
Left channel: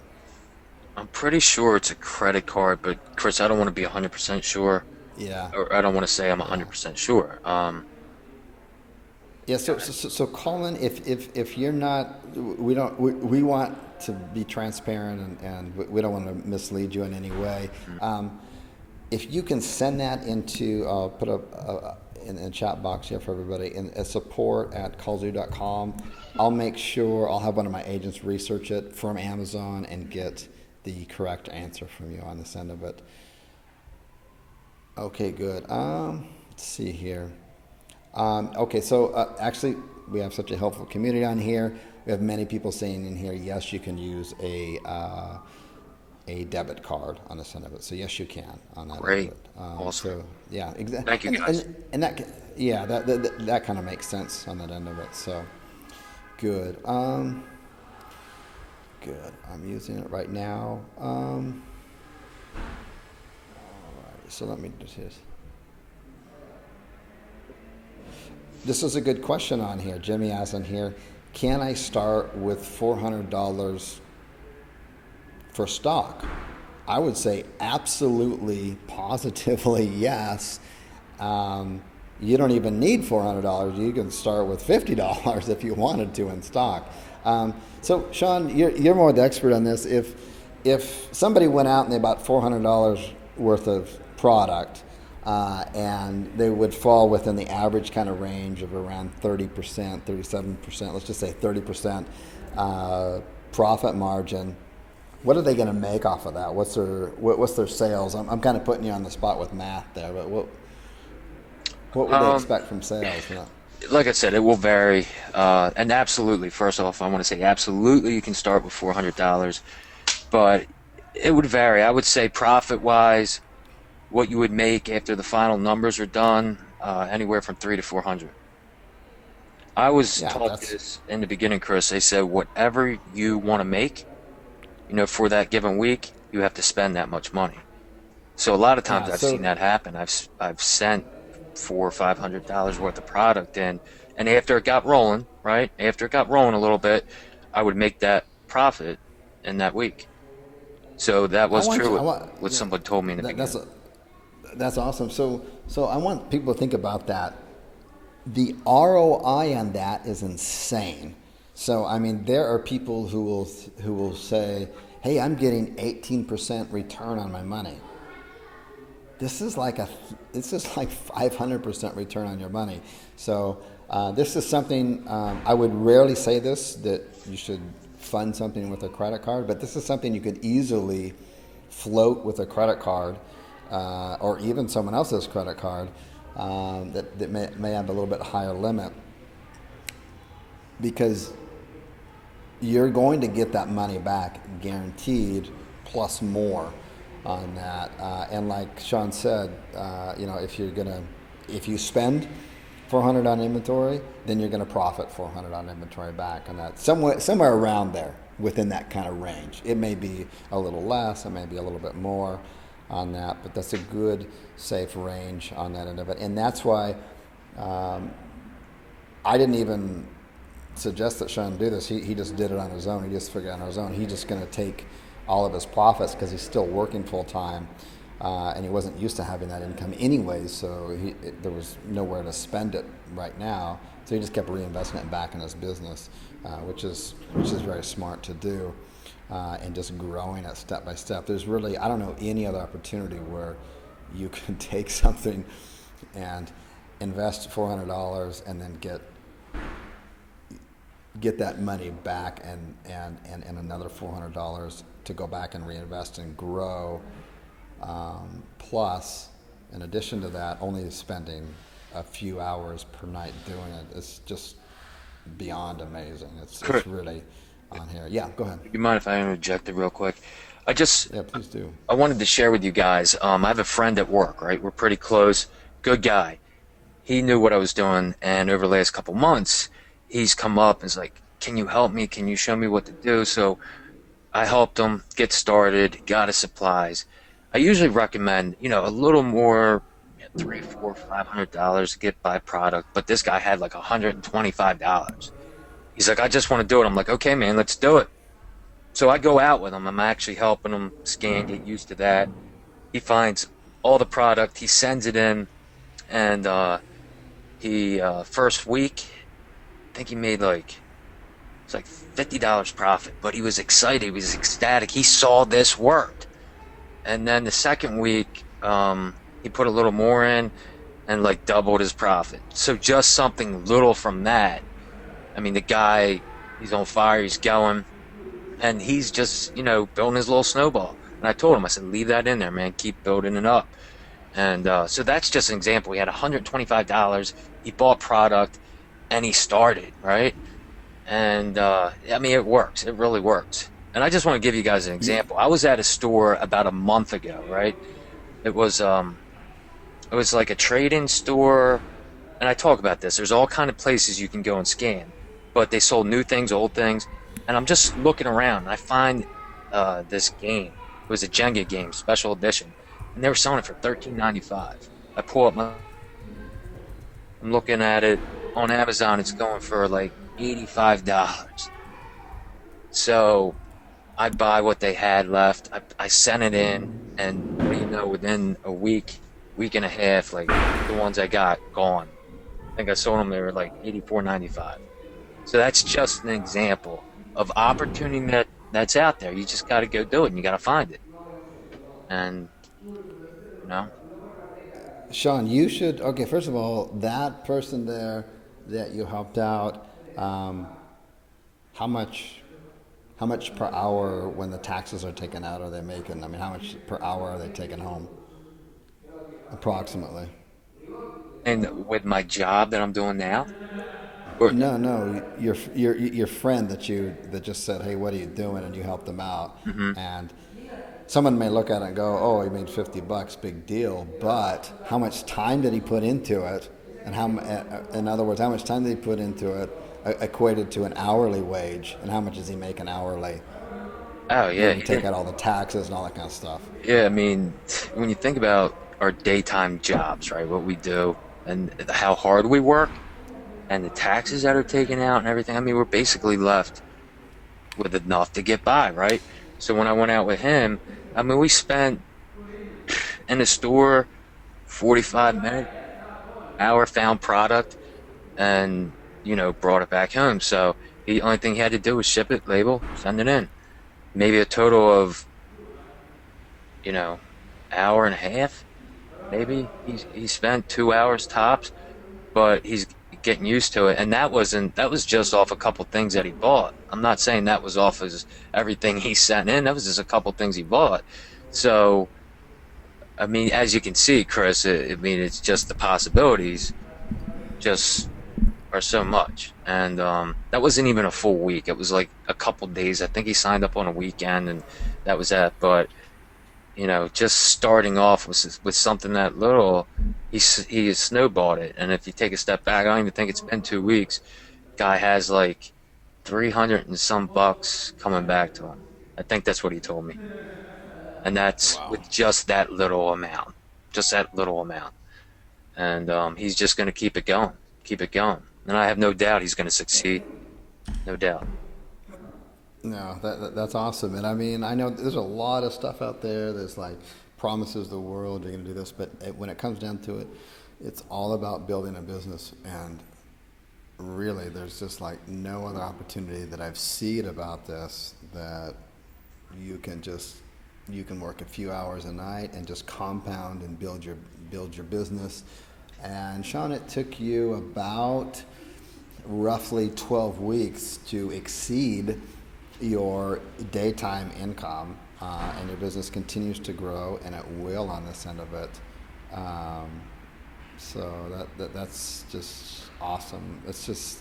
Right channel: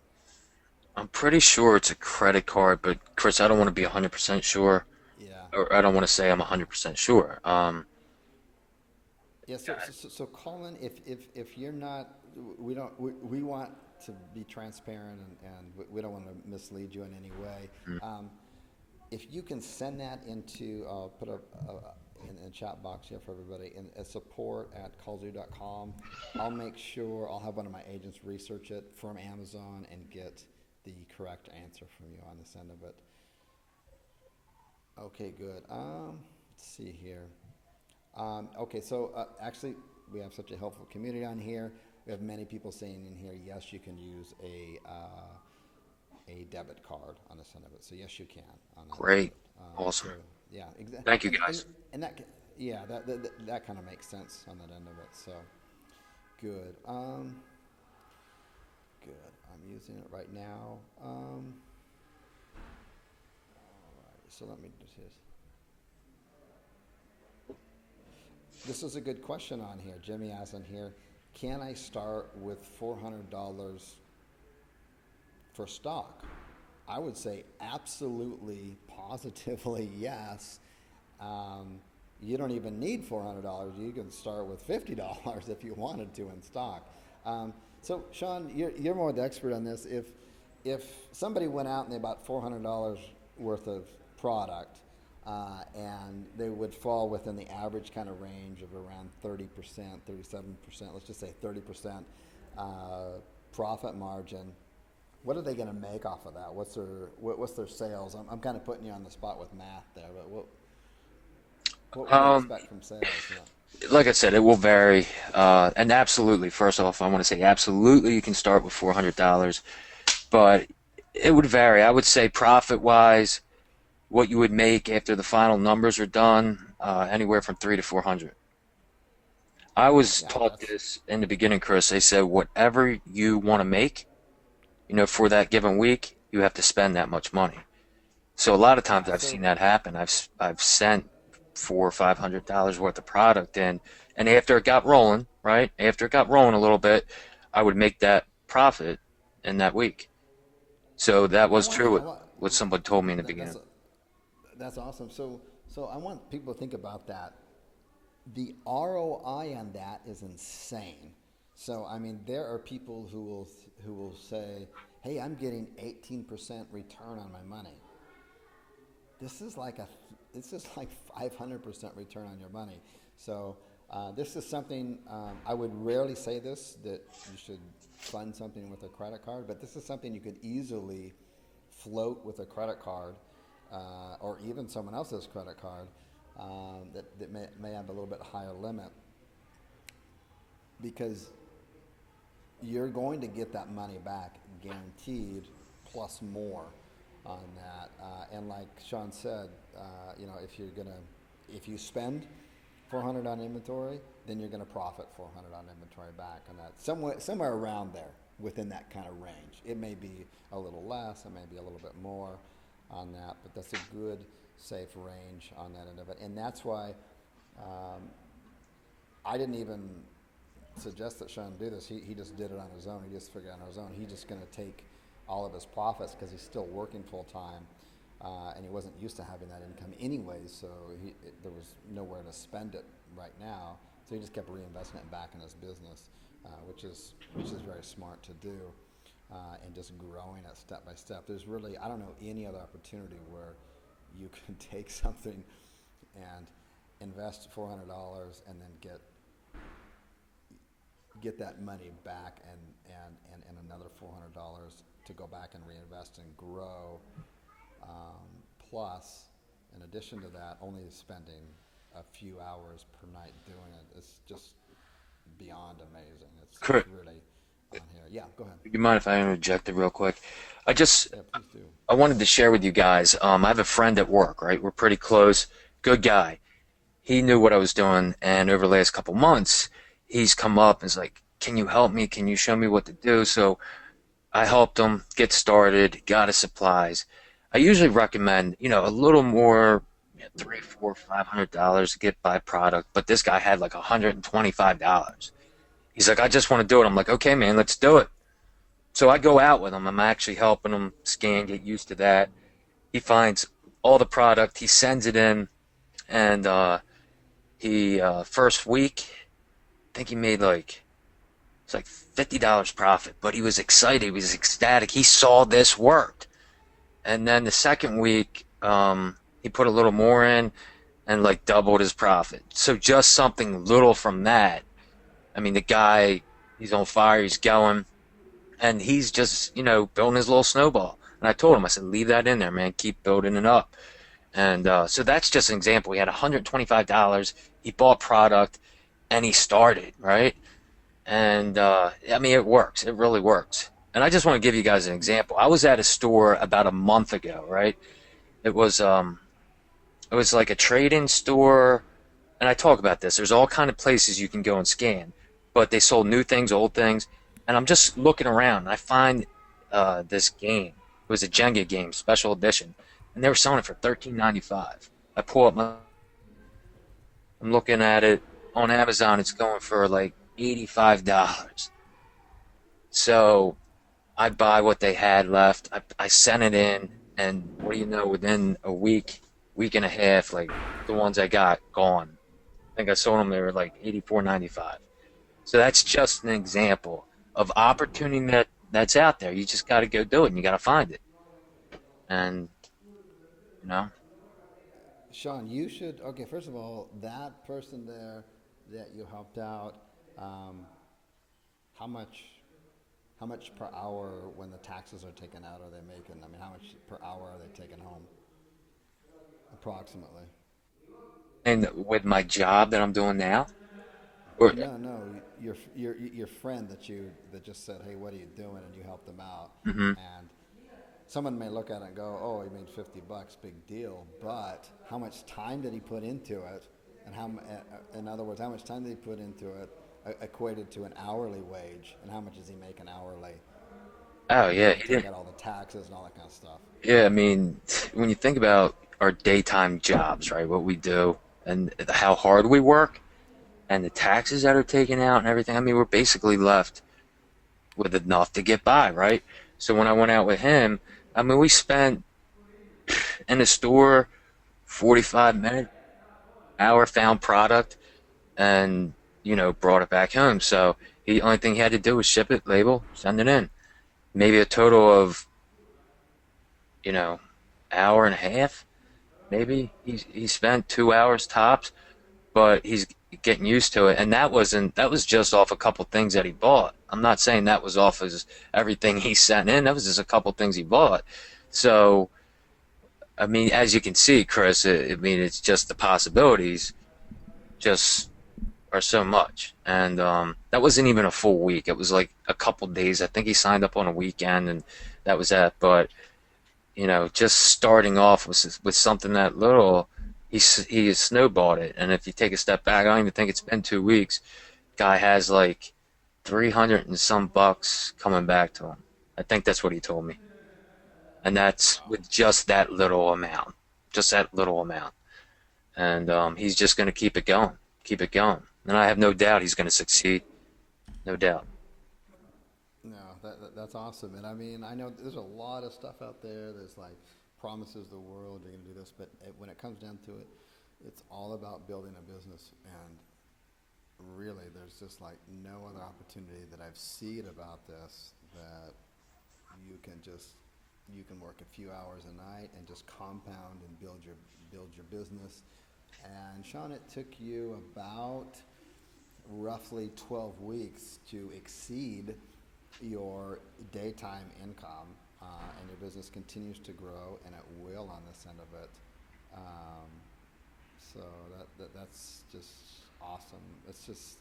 I'm pretty sure it's a credit card, but Chris, I don't want to be 100% sure, Yeah. or I don't want to say I'm 100% sure. Yeah, so Colin, if you're not, we want to be transparent and we don't want to mislead you in any way. If you can send that into, put in the chat box here for everybody, in support at kallzu.com, I'll make sure, I'll have one of my agents research it from Amazon and get the correct answer from you on this end of it. Okay, good. Let's see here. Okay, so actually, we have such a helpful community on here. We have many people saying in here, yes, you can use a debit card on this end of it. So yes, you can on that end of Great, it. awesome. So yeah, exactly. Thank you, guys. And yeah, that kind of makes sense on that end of it. So good. Good. I'm using it right now. All right. So let me just. This is a good question on here. Jimmy asked on here, can I start with $400 for stock? I would say absolutely, positively yes. You don't even need $400. You can start with $50 if you wanted to in stock. So Sean, you're more the expert on this. If somebody went out and they bought $400 worth of product, and they would fall within the average kind of range of around 30%, 37%, let's just say 30% profit margin. What are they going to make off of that? What's their sales? I'm kind of putting you on the spot with math there, but what would they expect from sales? You know? Like I said, it will vary. And absolutely, first off, I want to say absolutely you can start with $400, but it would vary. I would say profit-wise, what you would make after the final numbers are done, anywhere from 300 to 400. I was Yeah, taught this in the beginning, Chris. They said whatever you want to make, for that given week, you have to spend that much money. So a lot of times yeah. I've So seen that happen. I've sent $400 or $500 worth of product in, and after it got rolling, right? After it got rolling a little bit, I would make that profit in that week. So that I was want you. true I want. what somebody told me in the That, beginning. that's awesome. So I want people to think about that. The ROI on that is insane. So I mean, there are people who will say, "Hey, I'm getting 18% return on my money." This is like 500% return on your money. So this is something I would rarely say this, that you should fund something with a credit card, but this is something you could easily float with a credit card, or even someone else's credit card, that may have a little bit higher limit, because you're going to get that money back guaranteed, plus more on that. And like Sean said, if you spend 400 on inventory, then you're going to profit 400 on inventory back on that. Somewhere around there, within that kind of range. It may be a little less, it may be a little bit more on that, but that's a good, safe range on that end of it. And that's why I didn't even suggest that Sean do this. He just did it on his own. He just figured it on his own. He's just going to take all of his profits, because he's still working full time, and he wasn't used to having that income anyways. So there was nowhere to spend it right now. So he just kept reinvesting it back in his business, which is very smart to do, and just growing it step by step. There's really, I don't know any other opportunity where you can take something and invest $400 and then get that money back and another $400 to go back and reinvest and grow. Plus, in addition to that, only spending a few hours per night doing it is just beyond amazing. It's really on here. Yeah, go ahead. You mind if I interject it real quick? Yeah, please do. I wanted to share with you guys. I have a friend at work, right? We're pretty close. Good guy. He knew what I was doing, and over the last couple months, he's come up and is like, "Can you help me? Can you show me what to do?" So I helped him get started, got his supplies. I usually recommend, a little more, $300, $400, $500 to get by product, but this guy had like $125. He's like, "I just want to do it." I'm like, "Okay, man, let's do it." So I go out with him. I'm actually helping him scan, get used to that. He finds all the product, he sends it in, and he first week, I think he made it's like $50 profit, but he was excited, he was ecstatic. He saw this worked. And then the second week, he put a little more in and doubled his profit. So just something little from that. I mean, the guy, he's on fire, he's going, and he's just, building his little snowball. And I told him, I said, "Leave that in there, man. Keep building it up." And so that's just an example. He had $125. He bought product, and he started, right? And I mean, it works. It really works. And I just want to give you guys an example. I was at a store about a month ago, right? It was like a trade-in store, and I talk about this. There's all kind of places you can go and scan, but they sold new things, old things, and I'm just looking around, and I find this game. It was a Jenga game, special edition, and they were selling it for $13.95. I pull up I'm looking at it on Amazon. It's going for like $85. So I buy what they had left. I sent it in, and what do you know? Within a week and a half, the ones I got gone. I think I sold them. They were like $84.95. So that's just an example of opportunity that's out there. You just got to go do it, and you got to find it. And Sean, you should. Okay, first of all, that person there that you helped out, how much per hour, when the taxes are taken out, are they making? I mean, how much per hour are they taking home, approximately? And with my job that I'm doing now, or No, your friend that just said, "Hey, what are you doing?" and you helped them out, and someone may look at it and go, "Oh, he made $50, big deal," but how much time did he put into it, and in other words, how much time did he put into it equated to an hourly wage, and how much does he make an hourly? oh yeah, You take out all the taxes and all that kind of stuff. yeah. I mean, when you think about our daytime jobs, right, what we do, and how hard we work, and the taxes that are taken out and everything, I mean, we're basically left with enough to get by, right? So when I went out with him, I mean, we spent in the store 45 minutes, hour, found product, and brought it back home. So the only thing he had to do was ship it, label, send it in. Maybe a total of hour and a half. Maybe he spent 2 hours tops, but he's getting used to it. And that was just off a couple things that he bought. I'm not saying that was off his everything he sent in. That was just a couple things he bought. So, I mean, as you can see, Chris, I mean, it's just the possibilities just are so much. And that wasn't even a full week. It was like a couple days. I think he signed up on a weekend, and that was that. But just starting off with something that little, he has snowballed it. And if you take a step back, I don't even think it's been 2 weeks. Guy has like 300 and some bucks coming back to him. I think that's what he told me, and that's Wow. with just that little amount, just that little amount. And he's just going to keep it going. And I have no doubt he's going to succeed, no doubt. No, that's awesome. And I mean, I know there's a lot of stuff out there. There's like promises the world, you're going to do this. But when it comes down to it, it's all about building a business. And really, there's just like no other opportunity that I've seen about this that you can just, you can work a few hours a night and just compound and build your business. And Sean, it took you about roughly 12 weeks to exceed your daytime income, and your business continues to grow, and it will on this end of it. Um, so that's just awesome. It's just,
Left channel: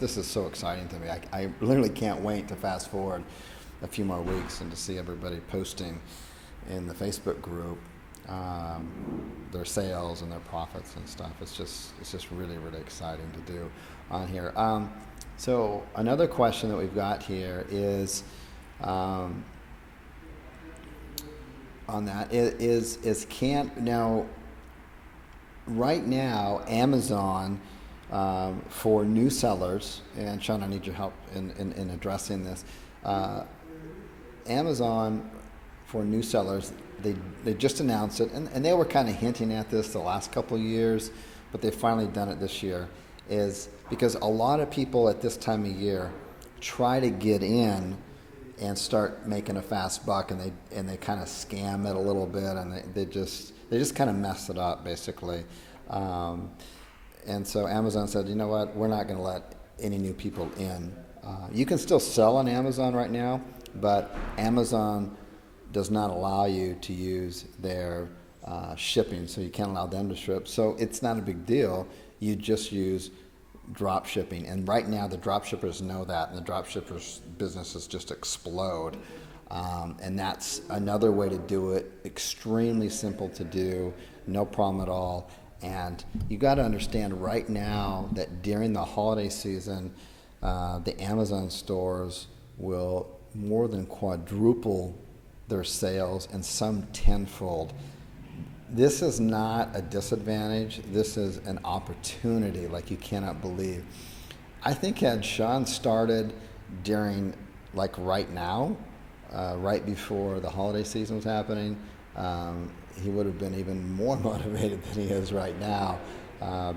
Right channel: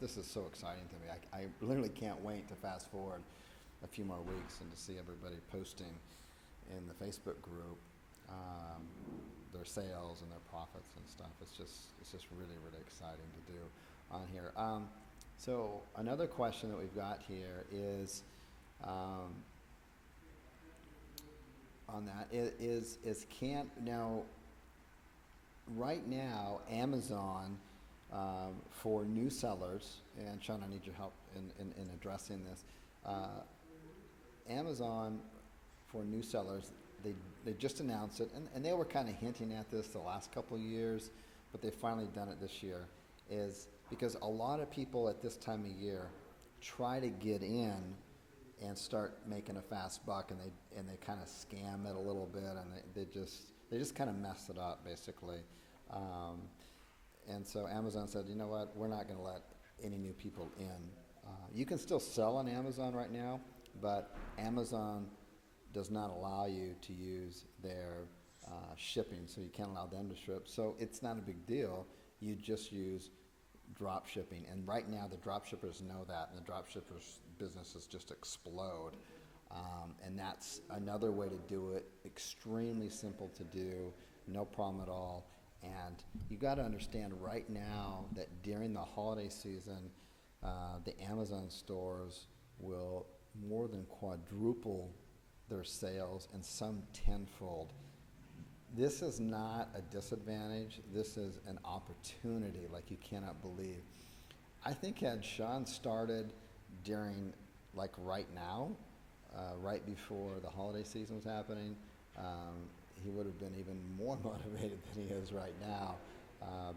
this is so exciting to me. I literally can't wait to fast forward a few more weeks and to see everybody posting in the Facebook group, um, their sales and their profits and stuff. It's just really, really exciting to do on here. So another question that we've got here is, um, on that is can now right now Amazon, for new sellers, and Sean, I need your help in addressing this. Uh, Amazon for new sellers, they just announced it, and they were kind of hinting at this the last couple of years, but they've finally done it this year. Is because a lot of people at this time of year try to get in and start making a fast buck, and they kind of scam it a little bit, and they just kind of mess it up basically. Um, and so Amazon said, you know what, we're not going to let any new people in. You can still sell on Amazon right now, but Amazon does not allow you to use their shipping, so you can't allow them to ship. So it's not a big deal. You just use drop shipping. And right now, the drop shippers know that, and the drop shippers' businesses just explode. And that's another way to do it. Extremely simple to do, no problem at all. And you got to understand right now that during the holiday season, the Amazon stores will more than quadruple their sales, and some tenfold. This is not a disadvantage. This is an opportunity like you cannot believe. I think had Sean started during, like right now, right before the holiday season was happening, he would have been even more motivated than he is right now,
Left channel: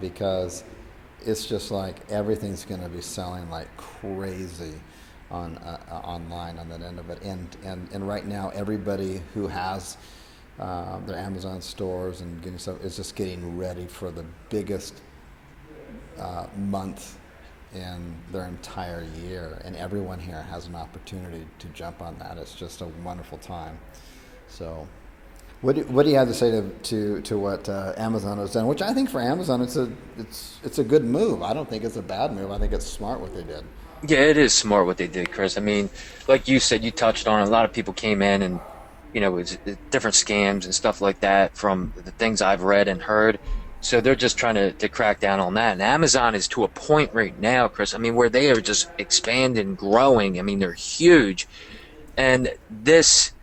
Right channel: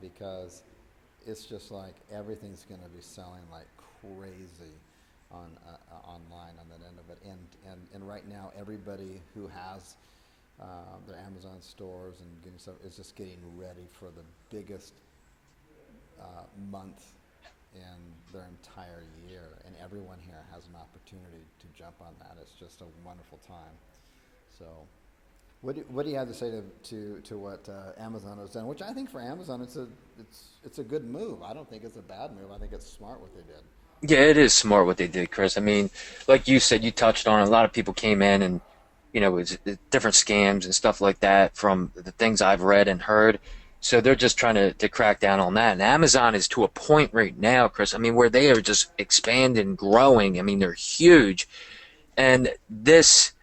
because it's just like everything's going to be selling like crazy on online on that end of it. And right now, everybody who has their Amazon stores and getting stuff is just getting ready for the biggest month in their entire year, and everyone here has an opportunity to jump on that. It's just a wonderful time. So, what do you have to say to what Amazon has done? Which I think for Amazon, it's a good move. I don't think it's a bad move. I think it's smart what they did. Yeah, it is smart what they did, Chris. I mean, like you said, you touched on it. A lot of people came in and, it's different scams and stuff like that from the things I've read and heard. So they're just trying to crack down on that. And Amazon is to a point right now, Chris, I mean, where they are just expanding, growing. I mean, they're huge. And this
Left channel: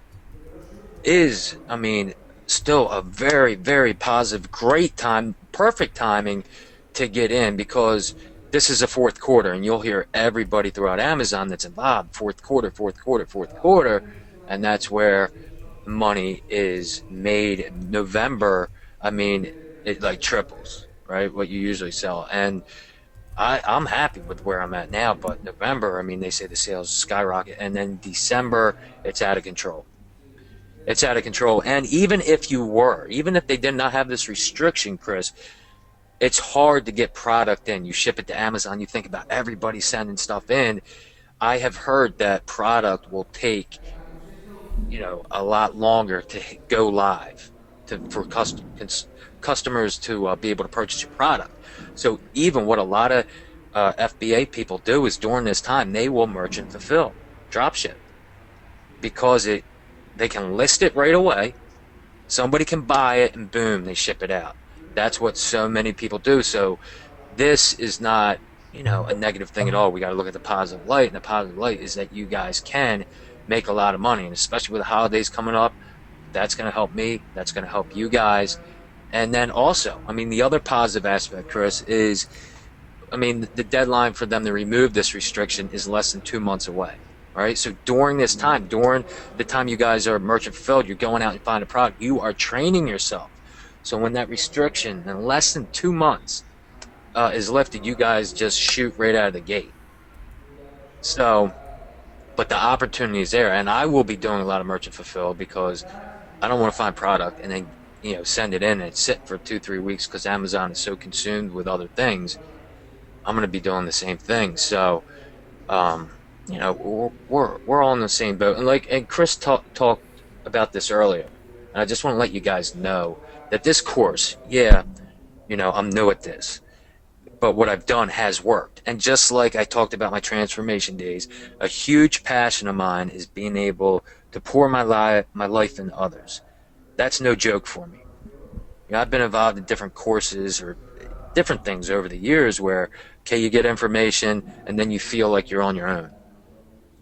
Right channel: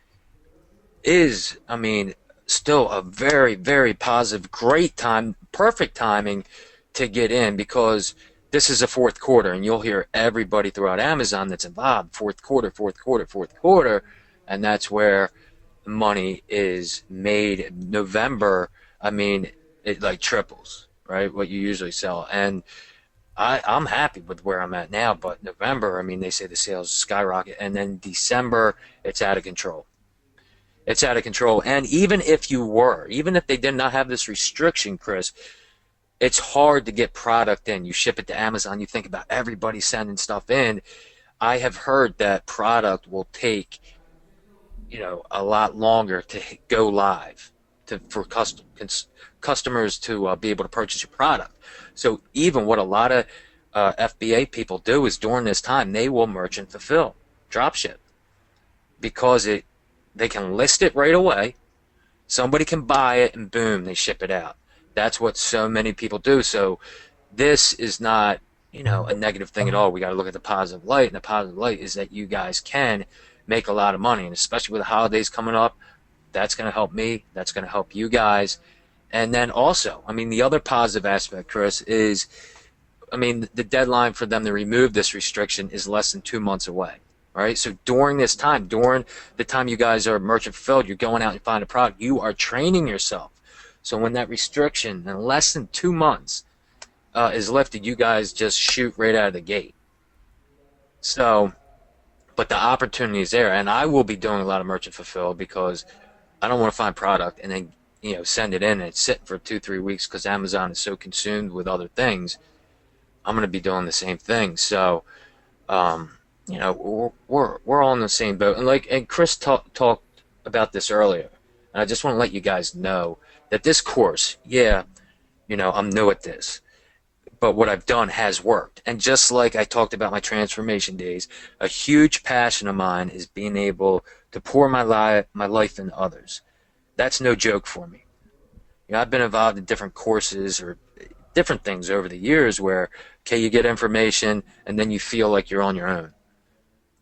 is, I mean, still a very, very positive, great time, perfect timing to get in because this is a fourth quarter, and you'll hear everybody throughout Amazon that's involved fourth quarter, fourth quarter, fourth quarter, and that's where money is made. November, I mean, it like triples, right? What you usually sell, and I'm happy with where I'm at now. But November, I mean, they say the sales skyrocket, and then December, it's out of control. It's out of control. And even if they did not have this restriction, Chris, it's hard to get product in. You ship it to Amazon, you think about everybody sending stuff in. I have heard that product will take a lot longer to go live for customers to be able to purchase your product. So even what a lot of FBA people do is during this time they will merchant fulfill, drop ship because it they can list it right away. Somebody can buy it and boom, they ship it out. That's what so many people do. So this is not, a negative thing at all. We got to look at the positive light, and the positive light is that you guys can make a lot of money, and especially with the holidays coming up, that's going to help me. That's going to help you guys. And then also, I mean, the other positive aspect, Chris, is, I mean, the deadline for them to remove this restriction is less than 2 months away. All right. So during this time, during the time you guys are merchant fulfilled, you're going out and find a product, you are training yourself. So when that restriction in less than 2 months is lifted, you guys just shoot right out of the gate. So, but the opportunity is there, and I will be doing a lot of merchant fulfilled because I don't want to find product and then send it in and sit for 2 3 weeks because Amazon is so consumed with other things. I'm going to be doing the same thing. So, um, we're all in the same boat. And Chris talked about this earlier, and I just want to let you guys know that this course, yeah, I'm new at this, but what I've done has worked. And just like I talked about my transformation days, a huge passion of mine is being able to pour my life into others. That's no joke for me. I've been involved in different courses or different things over the years where, okay, you get information and then you feel like you're on your own.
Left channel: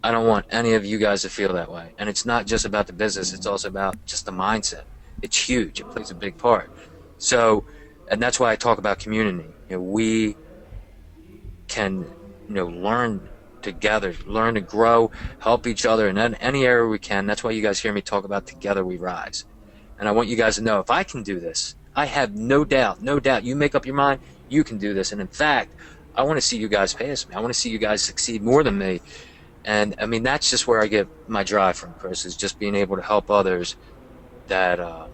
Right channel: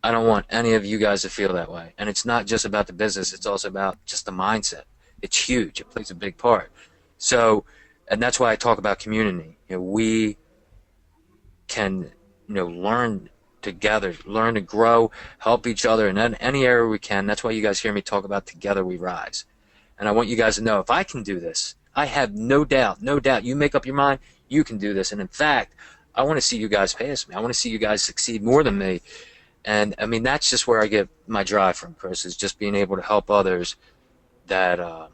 I don't want any of you guys to feel that way. And it's not just about the business, it's also about just the mindset. It's huge, it plays a big part. So, and that's why I talk about community. We can, learn together, learn to grow, help each other in any area we can. That's why you guys hear me talk about together we rise. And I want you guys to know if I can do this, I have no doubt, no doubt. You make up your mind, you can do this. And in fact, I want to see you guys pass me. I want to see you guys succeed more than me. And I mean, that's just where I get my drive from, Chris, is just being able to help others that,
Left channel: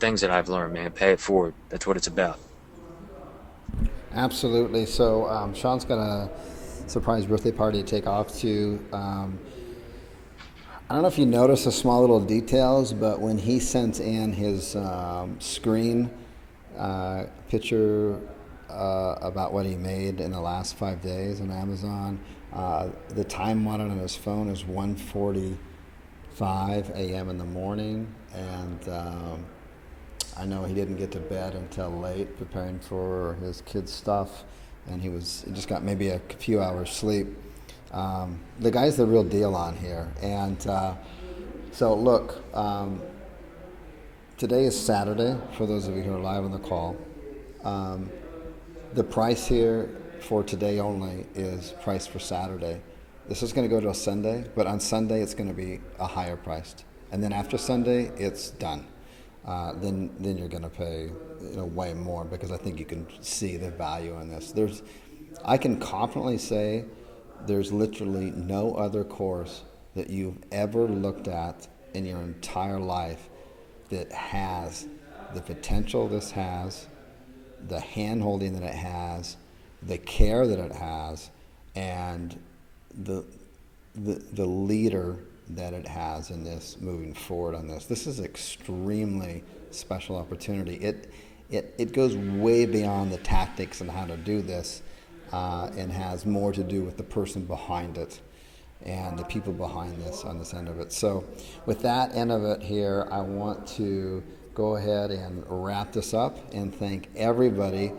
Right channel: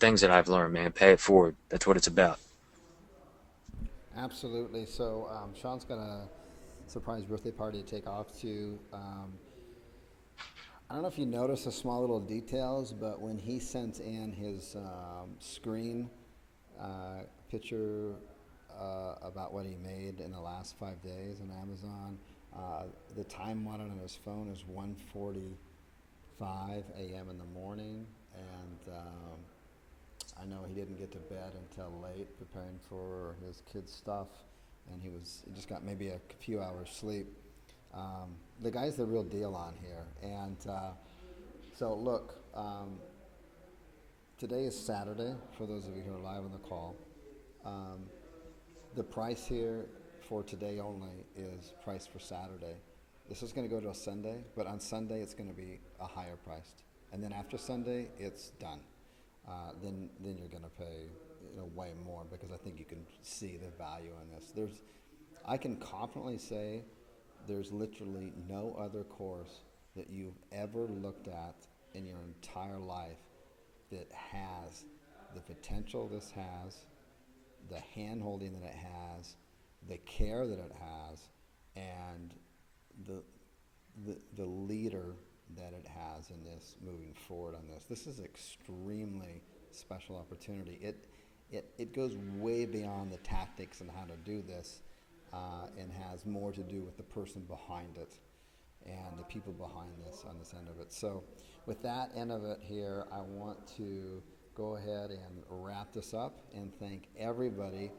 things that I've learned, man, pay it forward. That's what it's about. Absolutely. So Sean's got a surprise birthday party to take off to. I don't know if you notice the small little details, but when he sent in his screen picture about what he made in the last 5 days on Amazon, the time on it on his phone is 1:45 a.m. in the morning, and I know he didn't get to bed until late preparing for his kids' stuff, and he just got maybe a few hours sleep. The guy's the real deal on here, and so look, today is Saturday for those of you who are live on the call. Um, the price here for today only is priced for Saturday. This is going to go to a Sunday, but on Sunday it's going to be a higher priced, and then after Sunday it's done. Then you're going to pay way more because I think you can see the value in this. I can confidently say there's literally no other course that you've ever looked at in your entire life that has the potential this has, the hand holding that it has, the care that it has, and the the leader that it has in this moving forward on this. This is extremely special opportunity. It goes way beyond the tactics and how to do this, and has more to do with the person behind it and the people behind this on this end of it. So with that end of it here, I want to go ahead and wrap this up and thank everybody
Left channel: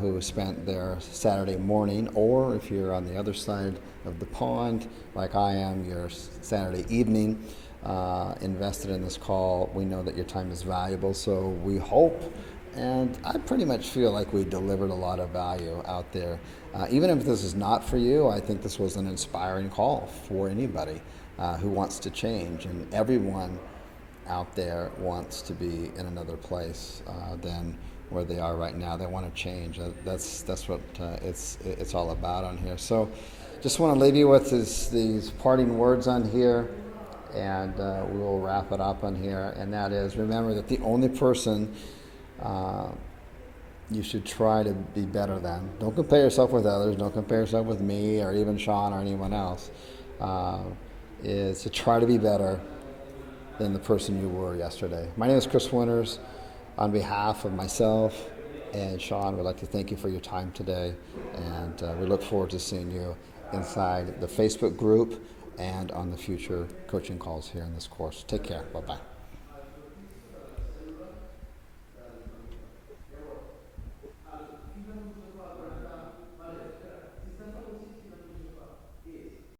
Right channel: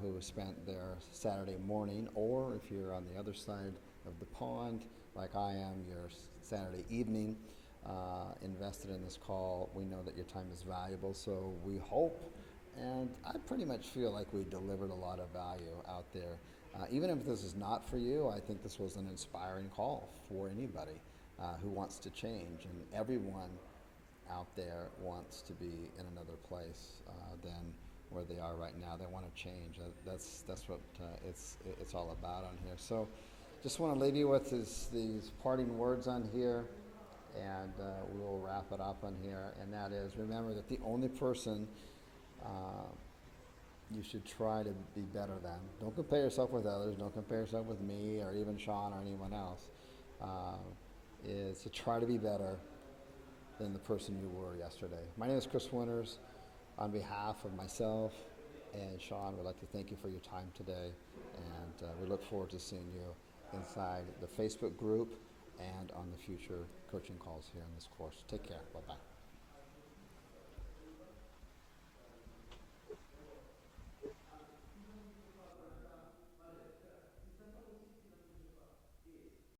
who spent their Saturday morning, or if you're on the other side of the pond, like I am, your Saturday evening, invested in this call. We know that your time is valuable, so we hope, and I pretty much feel like we delivered a lot of value out there. Even if this is not for you, I think this was an inspiring call for anybody who wants to change, and everyone out there wants to be in another place than where they are right now. They want to change. That's what it's all about on here. So just want to leave you with these parting words on here, and we will wrap it up on here. And that is, remember that the only person you should try to be better than, don't compare yourself with others, don't compare yourself with me or even Sean or anyone else, is to try to be better than the person you were yesterday. My name is Chris Winters. On behalf of myself and Sean, we'd like to thank you for your time today, and we look forward to seeing you inside the Facebook group and on the future coaching calls here in this course. Take care. Bye-bye.